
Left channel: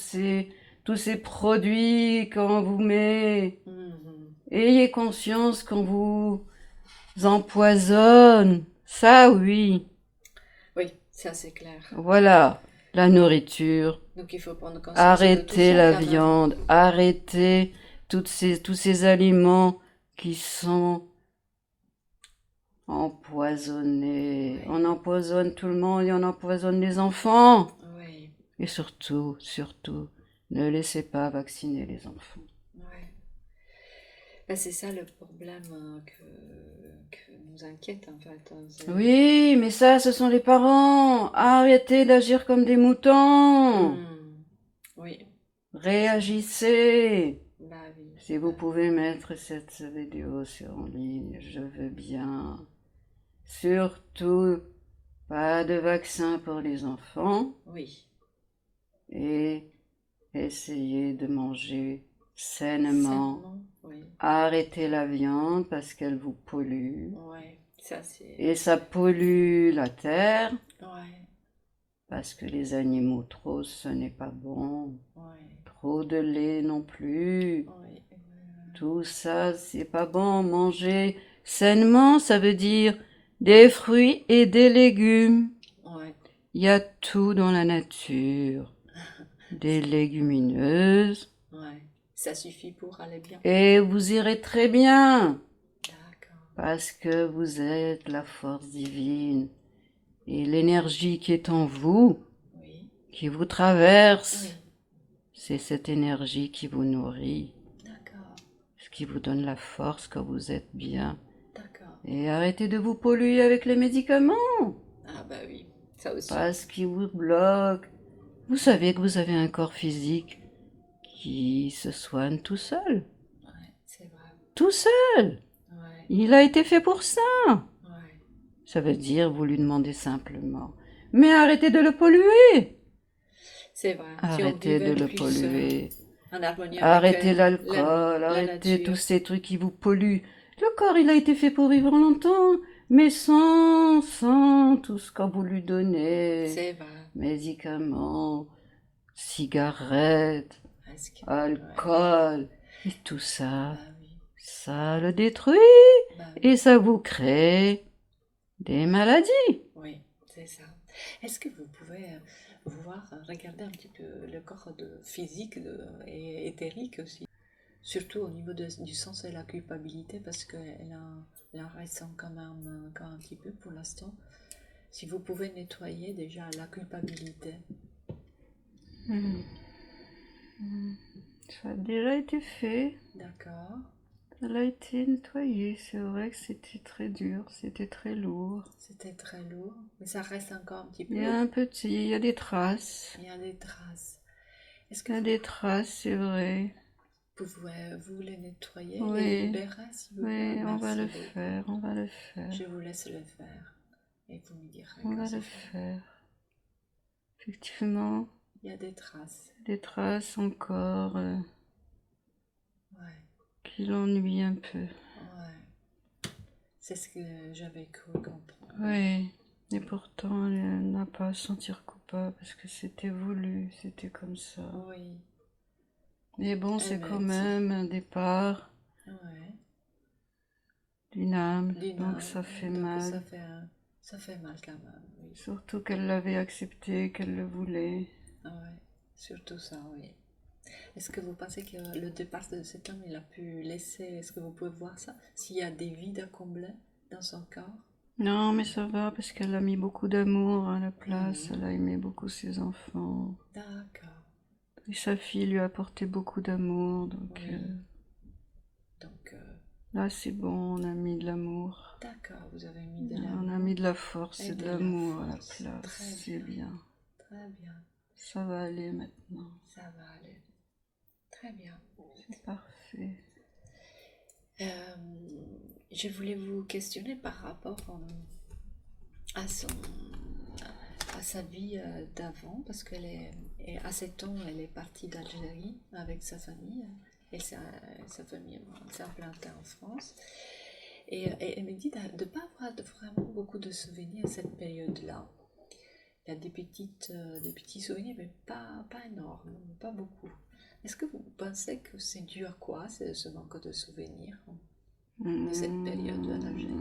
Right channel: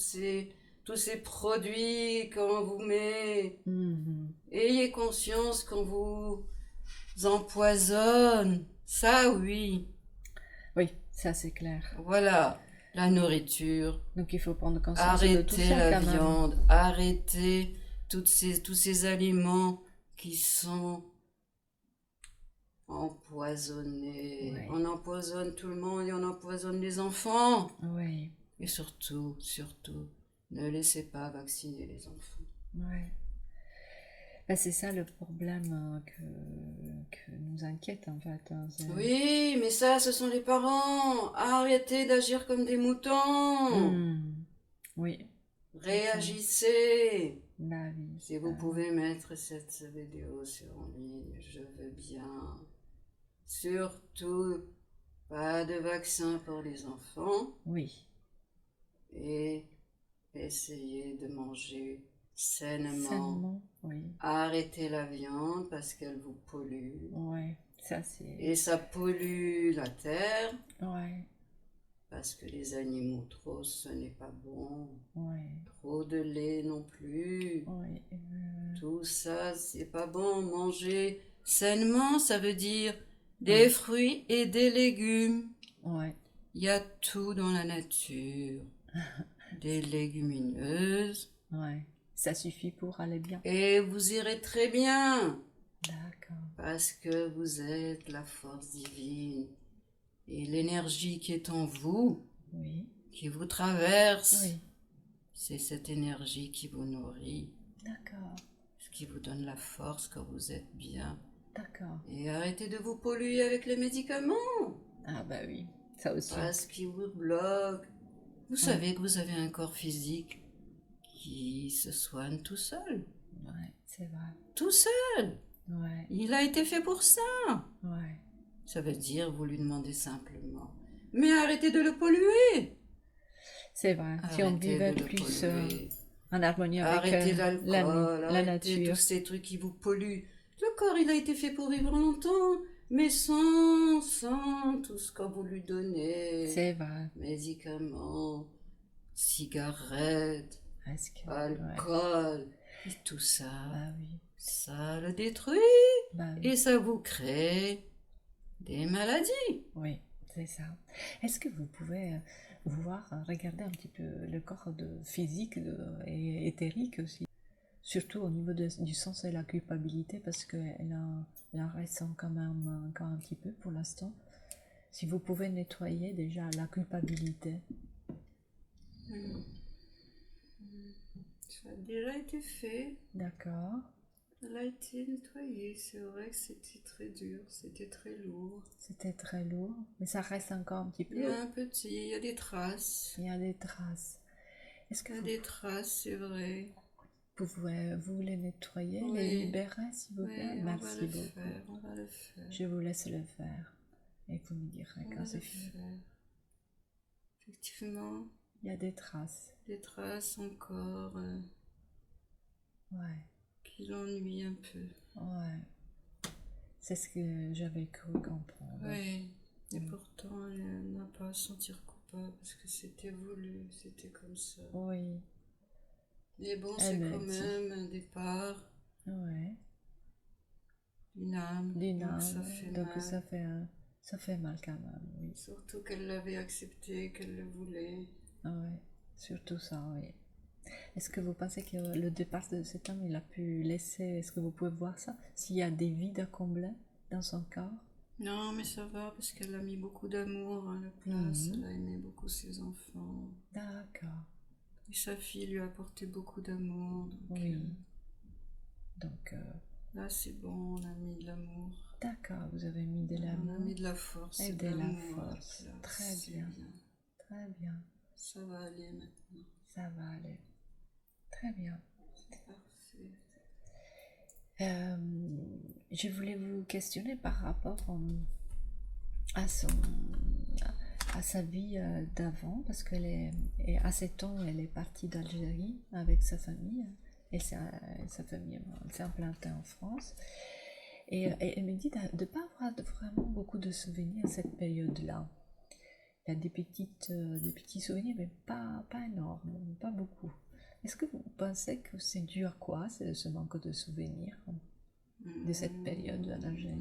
ces produits qu'on vous met. mhm. Ayez conscience qu'on vous empoisonne. Ça, oui. Oui, ça c'est clair. Voilà. La nourriture. Donc il faut prendre conscience de tout Arrêtez ça la quand même. viande. Arrêtez tous ces aliments qui sont empoisonnés. Ouais, On empoisonne tout le monde et on empoisonne les enfants. ouais, Et surtout, ne laissez pas vacciner les enfants. ouais. Ben, c'est ça le problème que nous inquiète en fait, hein, Oui, mais ça, ce sont les parents. Arrêtez d'agir comme des moutons. Oui, Réagissez. bah oui. Si vous pouvez mettre cette vidéo en ligne, je veux bien. Surtout, pas de vaccin pour les enfants Oui, et essayez de manger sainement. sainement, oui. Arrêtez la viande parce qu'elle vous pollue. Ouais, ça c'est... Et ça pollue la terre Ouais, parce que les animaux trop, ce n'est pas bon. ouais, Trop de lait non plus. ouais. Tout ça, c'est pas bon. Manger sainement, ça veut dire des fruits et des légumes. Ouais, Il y a tout dans la nature. Des légumineuses. ouais. Ça suffit pour aller bien. Et vous irez très bien. D'accord. Parce que vous êtes la force divine. Et l'énergie qui est en vous, Oui, qui vous traverse, oui. c'est cette énergie qui vous nourrit, D'accord, ce qui vous donne la force quand vous êtes bien. d'accord. Et arrêtez de vous polluer avec les médicaments, Ah bah oui, ça aussi. parce qu'ils vous bloquent. Vous savez que vous avez un corps physique qui se soigne tout seul. Ouais, c'est vrai. Tout seul. Ouais, Il a été fait pour ça. ouais. Ça veut dire, vous lui demandez simplement. Mais arrêtez de le polluer. C'est vrai. Si on Arrêtez vivait de le plus polluer. en harmonie avec Arrêtez l'alcool, la arrêtez nature. tous ces trucs qui vous polluent. Le corps, il a été fait pour vivre longtemps. mais sans tout ce qu'on vous lui donnez. C'est vrai. Médicaments, cigarettes, Est-ce que... Ouais. alcool, et tout ça, Bah oui. ça le détruit Bah oui. et ça vous crée des maladies. Oui, c'est ça. Est-ce que vous pouvez voir, regarder un petit peu le corps physique et éthérique aussi, surtout au niveau du sens et la culpabilité, parce qu'elle en ressent quand même encore un petit peu pour l'instant. Si vous pouvez nettoyer déjà la culpabilité. Ça a déjà été fait, D'accord. elle a été nettoyée. C'est vrai que c'était très dur, c'était très lourd. C'était très lourd, mais ça reste encore un petit peu. Il y a un petit, il y a des traces. Il y a des traces. Est-ce que Il y a des traces, c'est vrai. vous les nettoyer, les Oui, libérer, s'il vous plaît? oui, on va Merci le beaucoup. faire, on va le faire. Je vous laisse le faire et vous me direz On quand va c'est le fait. faire. Effectivement, Il y a des traces. des traces encore Ouais, qui l'ennuient un peu. ouais. C'est ce que j'avais cru comprendre. Oui, et pourtant elle n'a pas à se sentir coupable parce que c'était voulu, c'était comme ça. Oui. Mais bon, c'est Elle m'a quand dit. même un départ Ouais. d'une âme, D'une donc âme. ça fait Donc mal. ça fait mal quand même, oui. Surtout qu'elle l'avait accepté, qu'elle le voulait. Ouais. Surtout ça, oui. Est-ce que vous pensez que le départ de cet homme, il a pu laisser, est-ce que vous pouvez voir ça? S'il y a des vides à combler dans son corps? Non, mais ça va parce qu'elle a mis beaucoup d'amour à la place, Mhm. elle a aimé beaucoup ses enfants. D'accord. Et sa fille lui a apporté beaucoup d'amour, donc Oui. Donc, là c'est bon, on a mis de l'amour. d'accord, vous avez mis de On a l'amour mis de la force et et de de la l'amour à la force. place. Très C'est bien. bien. Très bien. Ça va aller maintenant. Ça va aller. Très bien. C'est parfait. Euh, je voulais vous questionner par rapport à à sa vie d'avant, parce à 7 ans, elle est partie d'Algérie avec sa famille, et sa famille s'est implantée en France. Et elle me dit de ne pas avoir vraiment beaucoup de souvenirs à cette période-là. Il y a des petits souvenirs, mais pas énormes, pas beaucoup. Est-ce que vous pensez que c'est dû à quoi, ce manque de souvenirs de cette période en Algérie?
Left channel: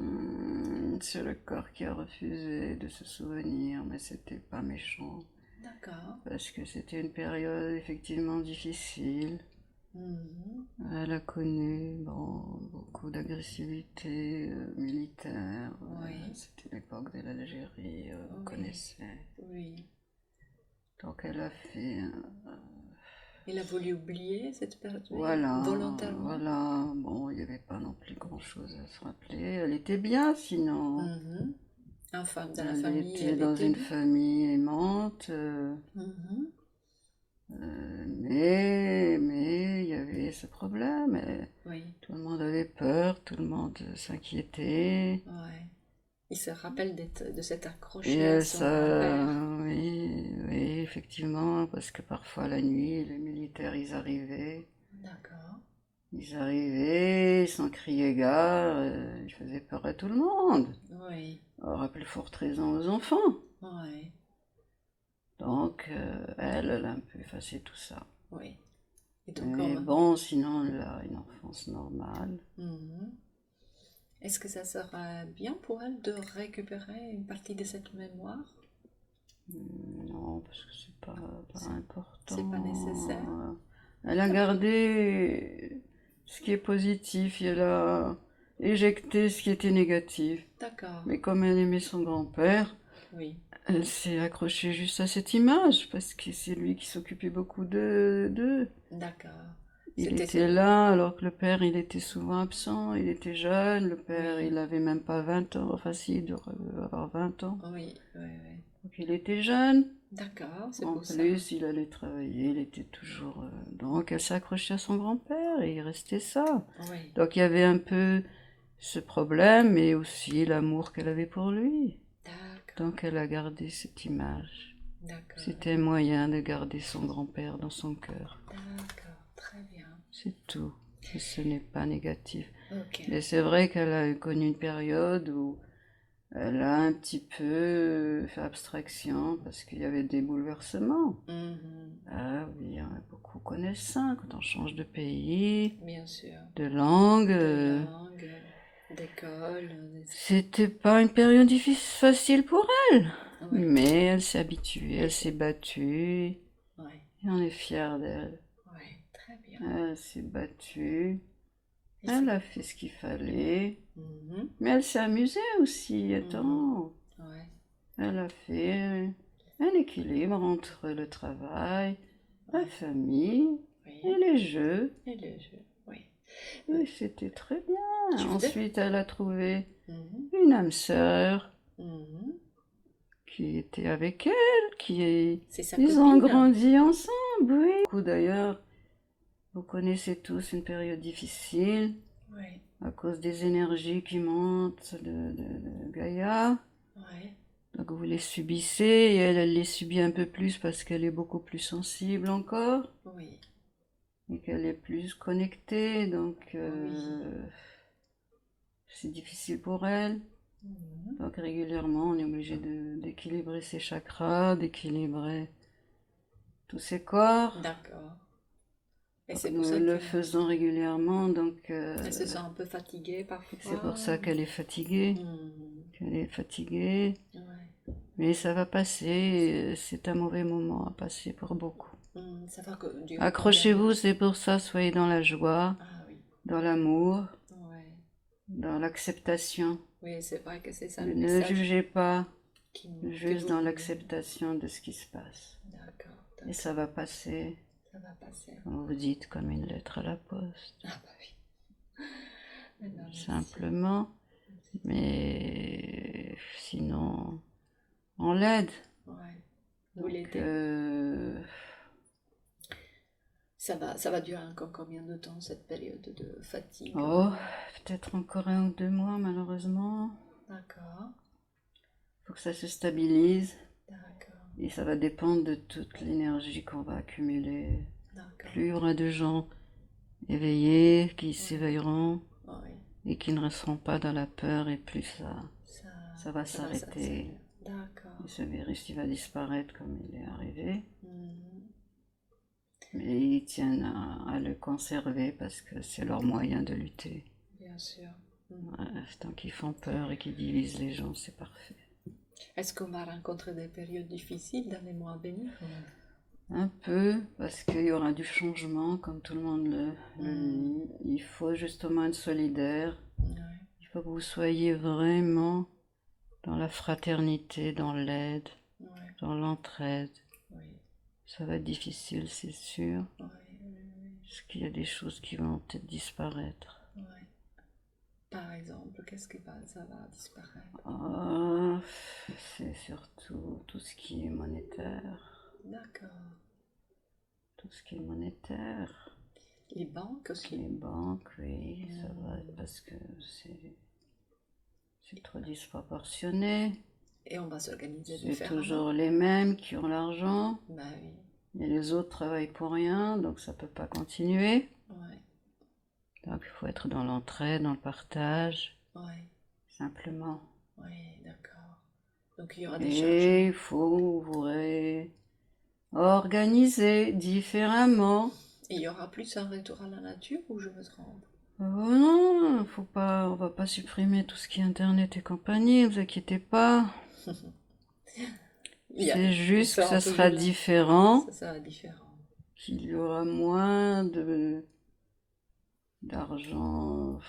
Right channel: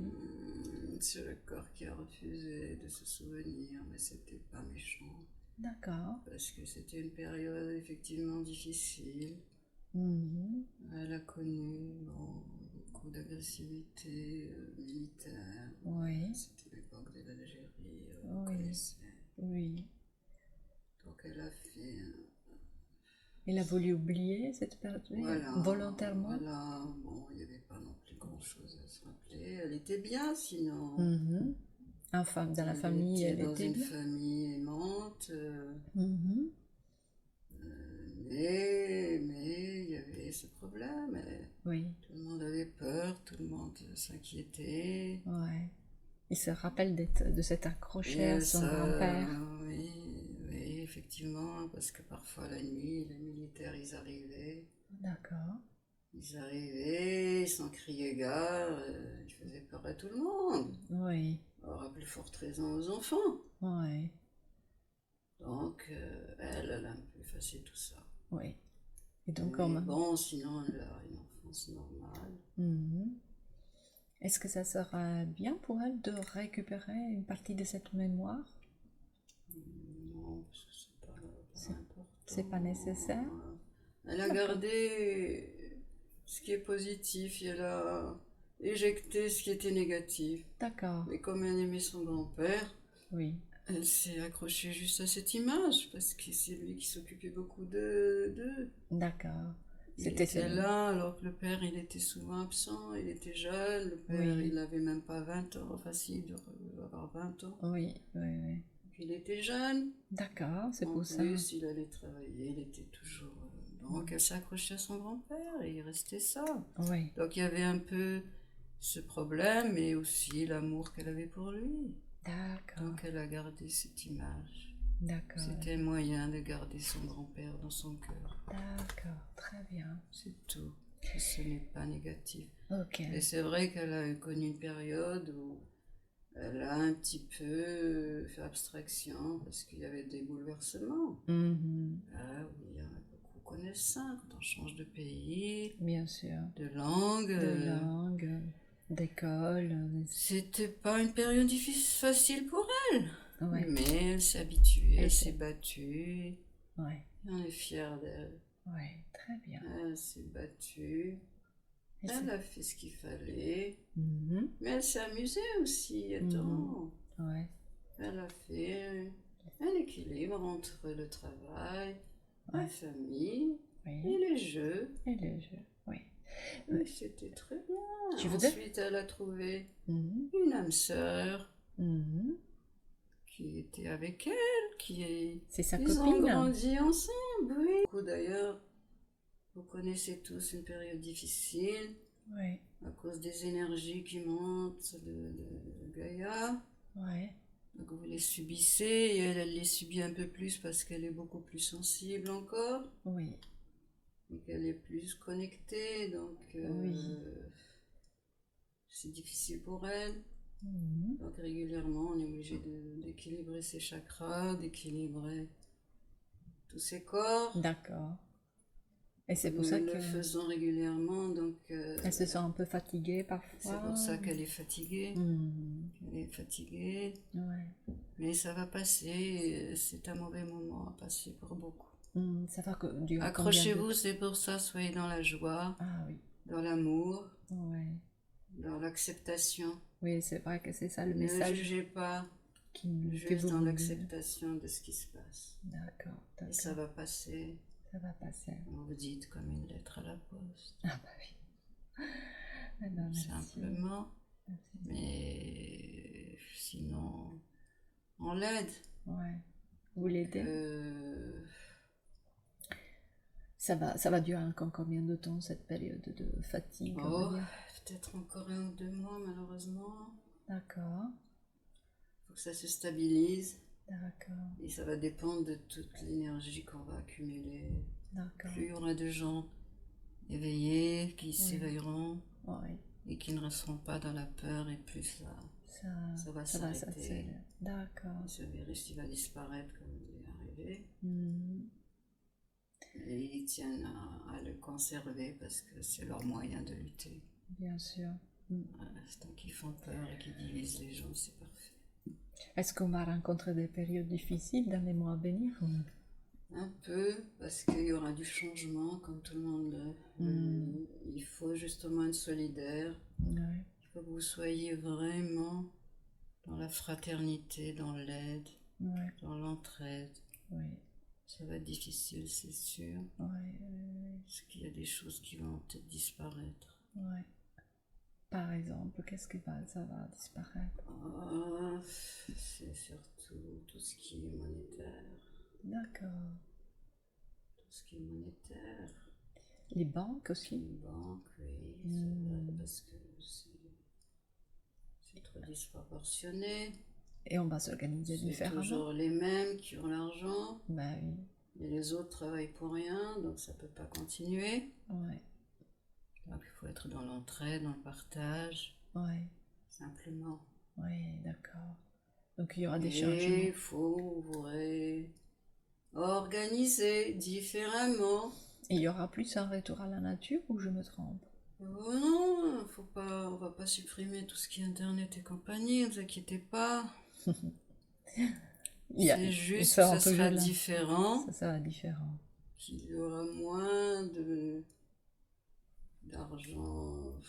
C'est le corps qui a refusé de se souvenir, mais c'était pas méchant. D'accord. Parce que c'était une période effectivement difficile. Mhm. Elle a connu beaucoup d'agressivité militaire. Oui. C'était l'époque de l'Algérie, vous Oui. connaissez. Oui. Donc elle a fait... Il a voulu oublier cette période Voilà, volontairement. voilà. Bon, il n'y avait pas non plus grand-chose à se rappeler. Elle était bien sinon. Mhm. Enfin, dans la Elle famille, était elle dans était une bien. famille aimante. Mhm. Mais il y avait ce problème. Oui. Tout le monde avait peur, tout le monde s'inquiétait. Ouais. Il se rappelle de s'être accroché à Et son ça, grand-père. oui, effectivement, parce que parfois la nuit, les militaires, D'accord. ils crier gare, ils faisaient peur à tout le monde. Oui. Alors, à plus forte raison aux enfants. Oui. Donc, elle a un peu effacé tout ça. Oui. Et donc, Mais bon, sinon, elle a une enfance normale. Mhm. Est-ce que ça sera bien pour elle de récupérer une partie de cette mémoire? Non, parce que c'est pas important. C'est pas nécessaire? Elle a gardé ce qui est positif, et elle a éjecté ce qui était négatif. D'accord. Mais comme elle aimait son grand-père, Oui. elle s'est accrochée juste à cette image, parce que c'est lui qui s'occupait beaucoup d'eux. D'accord. Il C'était était là, alors que le père, il était souvent absent, il était jeune, le père, Oui. il avait même pas 20 ans, enfin si, il doit avoir 20 ans. Oui, oui, oui. Donc il était jeune. D'accord, c'est En pour ça. plus, il allait travailler, il était toujours... Donc elle s'accrochait à son grand-père et il restait ça. Oui. Donc il y avait un peu ce problème, mais aussi l'amour qu'elle avait pour lui. D'accord. Donc elle a gardé cette image. D'accord. C'était un moyen de garder son grand-père dans son cœur. D'accord, très bien. C'est tout. Et ce n'est pas négatif. Ok. Mais c'est vrai qu'elle a connu une période où Elle a un petit peu fait abstraction parce qu'il y avait des bouleversements. Mhm. Ah oui, hein, beaucoup connaissent ça quand on change de pays, Bien sûr. de langue. De langue, d'école. C'était pas une période facile pour elle, Ouais. mais elle s'est habituée, Et elle s'est c'est- battue Ouais. et on est fiers d'elle. Ouais. Très bien. Elle s'est battue, Et elle a fait ce qu'il fallait, Mhm. mais elle s'est amusée aussi. Attends, Ouais. elle a fait un équilibre entre le travail, la Ouais. famille et Oui. les jeux. Et le jeu. Oui. Et c'était très bien. Tu voudrais? Ensuite, elle a trouvé Mhm. une âme sœur Mhm. qui était avec elle, C'est sa ils ont copine? grandi ensemble, oui. D'ailleurs, vous connaissez tous une période difficile Ouais. à cause des énergies qui montent de Gaïa. Ouais. Donc vous les subissez et elle les subit un peu plus parce qu'elle est beaucoup plus sensible encore Oui. et qu'elle est plus connectée. Donc Oui. c'est difficile pour elle. Mhm. Donc régulièrement, on est obligé d'équilibrer ses chakras, d'équilibrer tous ses corps. D'accord. Et c'est pour Nous ça le que faisons régulièrement, donc elle se sent un peu fatiguée parfois. c'est pour ça qu'elle est fatiguée. Mhm. Qu'elle est fatiguée. Ouais. Mais ça va passer, c'est un mauvais moment à passer pour beaucoup. Ça va durer combien de Accrochez-vous, temps? c'est pour ça, soyez dans la joie, Ah oui. dans l'amour, Ouais. dans l'acceptation. Oui, c'est vrai que c'est ça le Ne message jugez pas, que juste vous dans voulez. l'acceptation de ce qui se passe. D'accord, Et ça d'accord. va passer, Ça va passer. comme vous dites, comme une lettre à la poste. Ah bah oui. Eh ben, merci. Simplement. Merci. Mais sinon, on l'aide. Ouais. Vous Donc, l'aidez? Ça va durer encore combien de temps cette période de fatigue, on va oh, dire? peut-être encore 1 ou 2 mois, malheureusement. D'accord, Faut que ça se stabilise. d'accord, Et ça va dépendre de toute l'énergie qu'on va accumuler. d'accord. Plus il y aura de gens éveillés, qui Oui. s'éveilleront Oui, et qui ne resteront pas dans la peur, et plus ça va ça va s'arrêter. s'accélérer. D'accord. Et ce virus, il va disparaître comme il est arrivé. Mhm. Mais ils tiennent à le conserver parce que c'est leur moyen de lutter. Bien sûr. Mhm. Tant qu'ils font peur et qu'ils divisent les gens, c'est parfait. Est-ce qu'on va rencontrer des périodes difficiles dans les mois à venir? Un peu, parce qu'il y aura du changement, comme tout le monde le dit. Il faut justement être solidaire. Ouais, Il faut que vous soyez vraiment dans la fraternité, dans l'aide, ouais, dans l'entraide. oui, Ça va être difficile, c'est sûr, ouais, parce qu'il y a des choses qui vont peut-être disparaître. ouais. Par exemple, ça va disparaître? Ah, c'est surtout tout ce qui est monétaire. D'accord. Tout ce qui est monétaire. Les banques aussi? Les banques, oui, ça va, parce que c'est trop disproportionné. Et on va s'organiser C'est différemment? toujours les mêmes qui ont l'argent, Bah oui, et les autres travaillent pour rien, donc ça peut pas continuer. ouais, Donc il faut être dans l'entraide, dans le partage, ouais, simplement. ouais, d'accord. Donc il y aura des Et changements. il faut vous réorganiser différemment. Et il y aura plus un retour à la nature ou je me trompe? Oh non, on va pas supprimer tout ce qui est internet et compagnie, ne vous inquiétez pas. C'est Ils juste que seront ça toujours sera là. différent, Ça sera différent. qu'il y aura moins d'argent.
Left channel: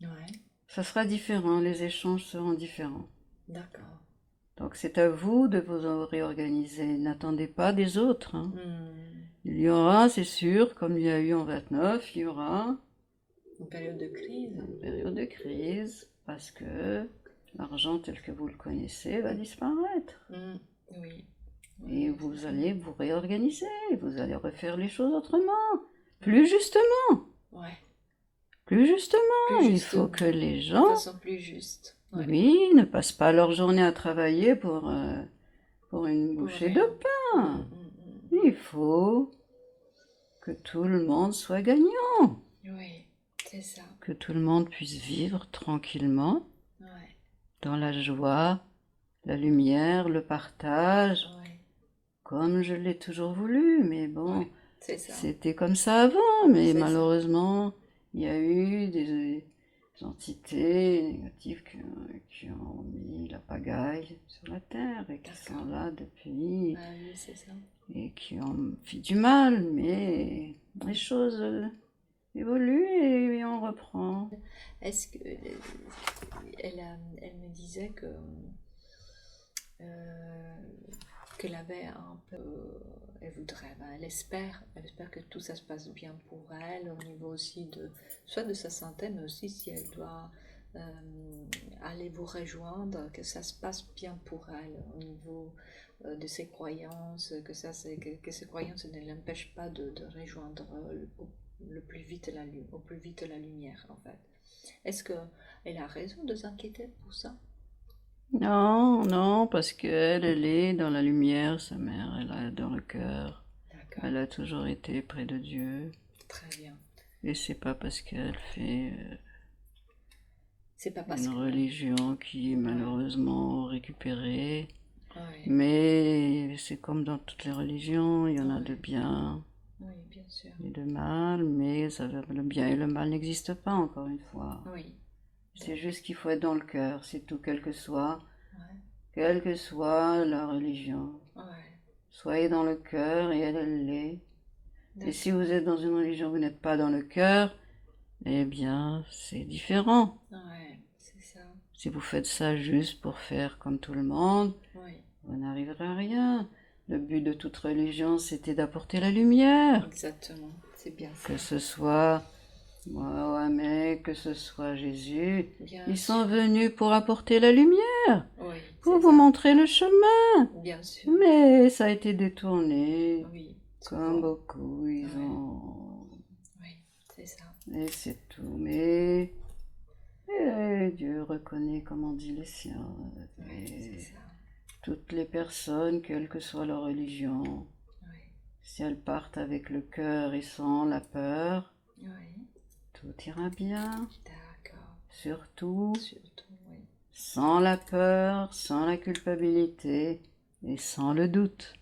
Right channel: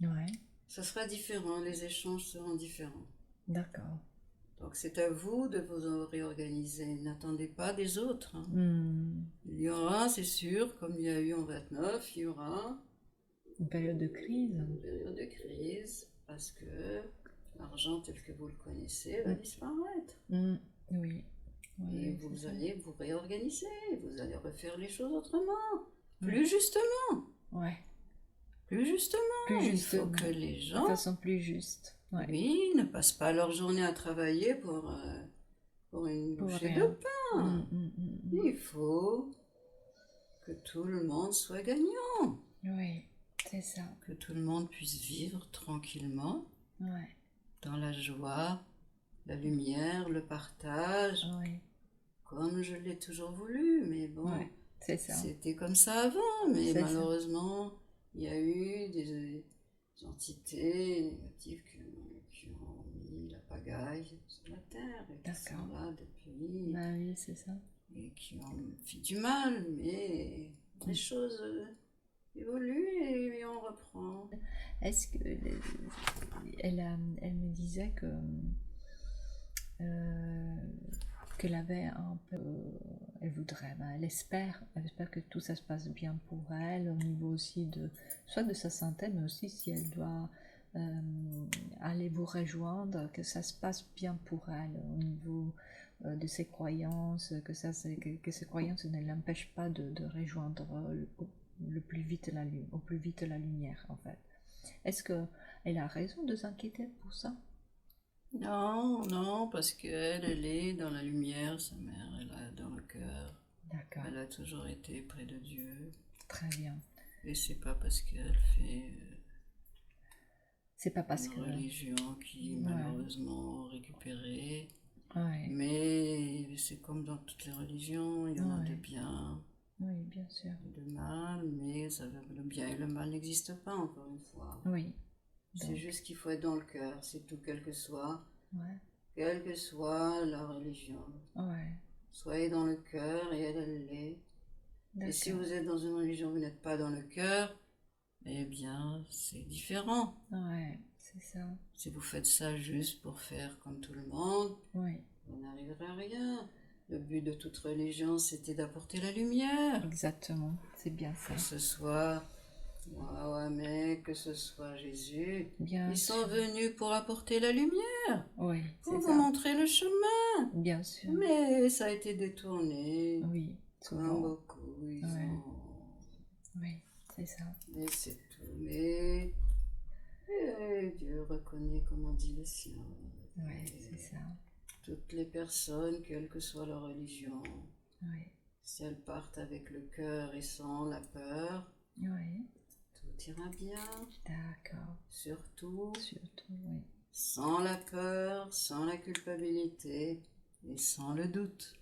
Ouais, Ça sera différent, les échanges seront différents. d'accord. Donc c'est à vous de vous réorganiser. N'attendez pas des autres, hein. Hmm. Il y aura, c'est sûr, comme il y a eu en 29, il y aura Une période de crise. une période de crise parce que l'argent tel que vous le connaissez va disparaître. Hmm. Oui. Et Oui, vous c'est ça. allez vous réorganiser, vous allez refaire les choses autrement, plus justement. Ouais, Plus justement, plus il justement. faut que les de gens, façon plus juste. Ouais. oui, ne passent pas leur journée à travailler pour une Pour bouchée de rien. pain. Il faut que tout le monde soit gagnant, Oui, c'est ça. que tout le monde puisse vivre tranquillement Ouais. dans la joie, la lumière, le partage, Oui, comme je l'ai toujours voulu. Mais bon, ouais, c'est ça. c'était comme ça avant, mais C'est ça. malheureusement, il y a eu des entités négatives qui ont mis la pagaille sur la terre et qui D'accord. sont là depuis Bah oui, c'est ça. et qui ont fait du mal, mais les choses évoluent et on reprend. Est-ce que elle me disait euh, qu'elle avait un peu, elle voudrait, ben, elle espère que tout ça se passe bien pour elle au niveau aussi de, soit de sa santé, mais aussi si elle doit aller vous rejoindre, que ça se passe bien pour elle au niveau de ses croyances, que ses croyances ne l'empêchent pas de rejoindre le plus vite au plus vite la lumière en fait. Est-ce qu'elle a raison de s'inquiéter pour ça? Non, non, parce qu'elle, elle est dans la lumière, sa mère, elle est dans le cœur. D'accord, Elle a toujours été près de Dieu. très bien. Et c'est pas parce qu'elle fait C'est pas parce une que... religion qui est Ouais, malheureusement récupérée. ouais, Mais c'est comme dans toutes les religions, il y en a de ouais, bien oui, bien sûr. et de mal, mais le bien et le mal n'existent pas, encore une fois. Oui, C'est donc, juste qu'il faut être dans le cœur, c'est tout, ouais, quelle que soit la religion. ouais, Soyez dans le cœur et elle l'est. Et si d'accord, vous êtes dans une religion, vous n'êtes pas dans le cœur, eh bien, c'est différent. ouais, c'est ça, Si vous faites ça juste pour faire comme tout le monde, oui, vous n'arriverez à rien. Le but de toute religion, c'était d'apporter la lumière. exactement, c'est bien ça, Que ce soit Mohamed, que ce soit Jésus, bien ils sont sûr, venus pour apporter la lumière, oui, pour c'est vous ça, montrer le chemin. bien sûr, Mais ça a été détourné, oui, comme souvent, beaucoup, ils ouais, ont... oui, c'est ça, Et c'est tout. Mais Dieu reconnaît, comme on dit, les siens. oui, c'est Et ça, toutes les personnes, quelle que soit leur religion, oui, si elles partent avec le cœur et sans la peur, oui, tout ira bien. d'accord, Surtout, surtout, oui, sans la peur, sans la culpabilité et sans le doute.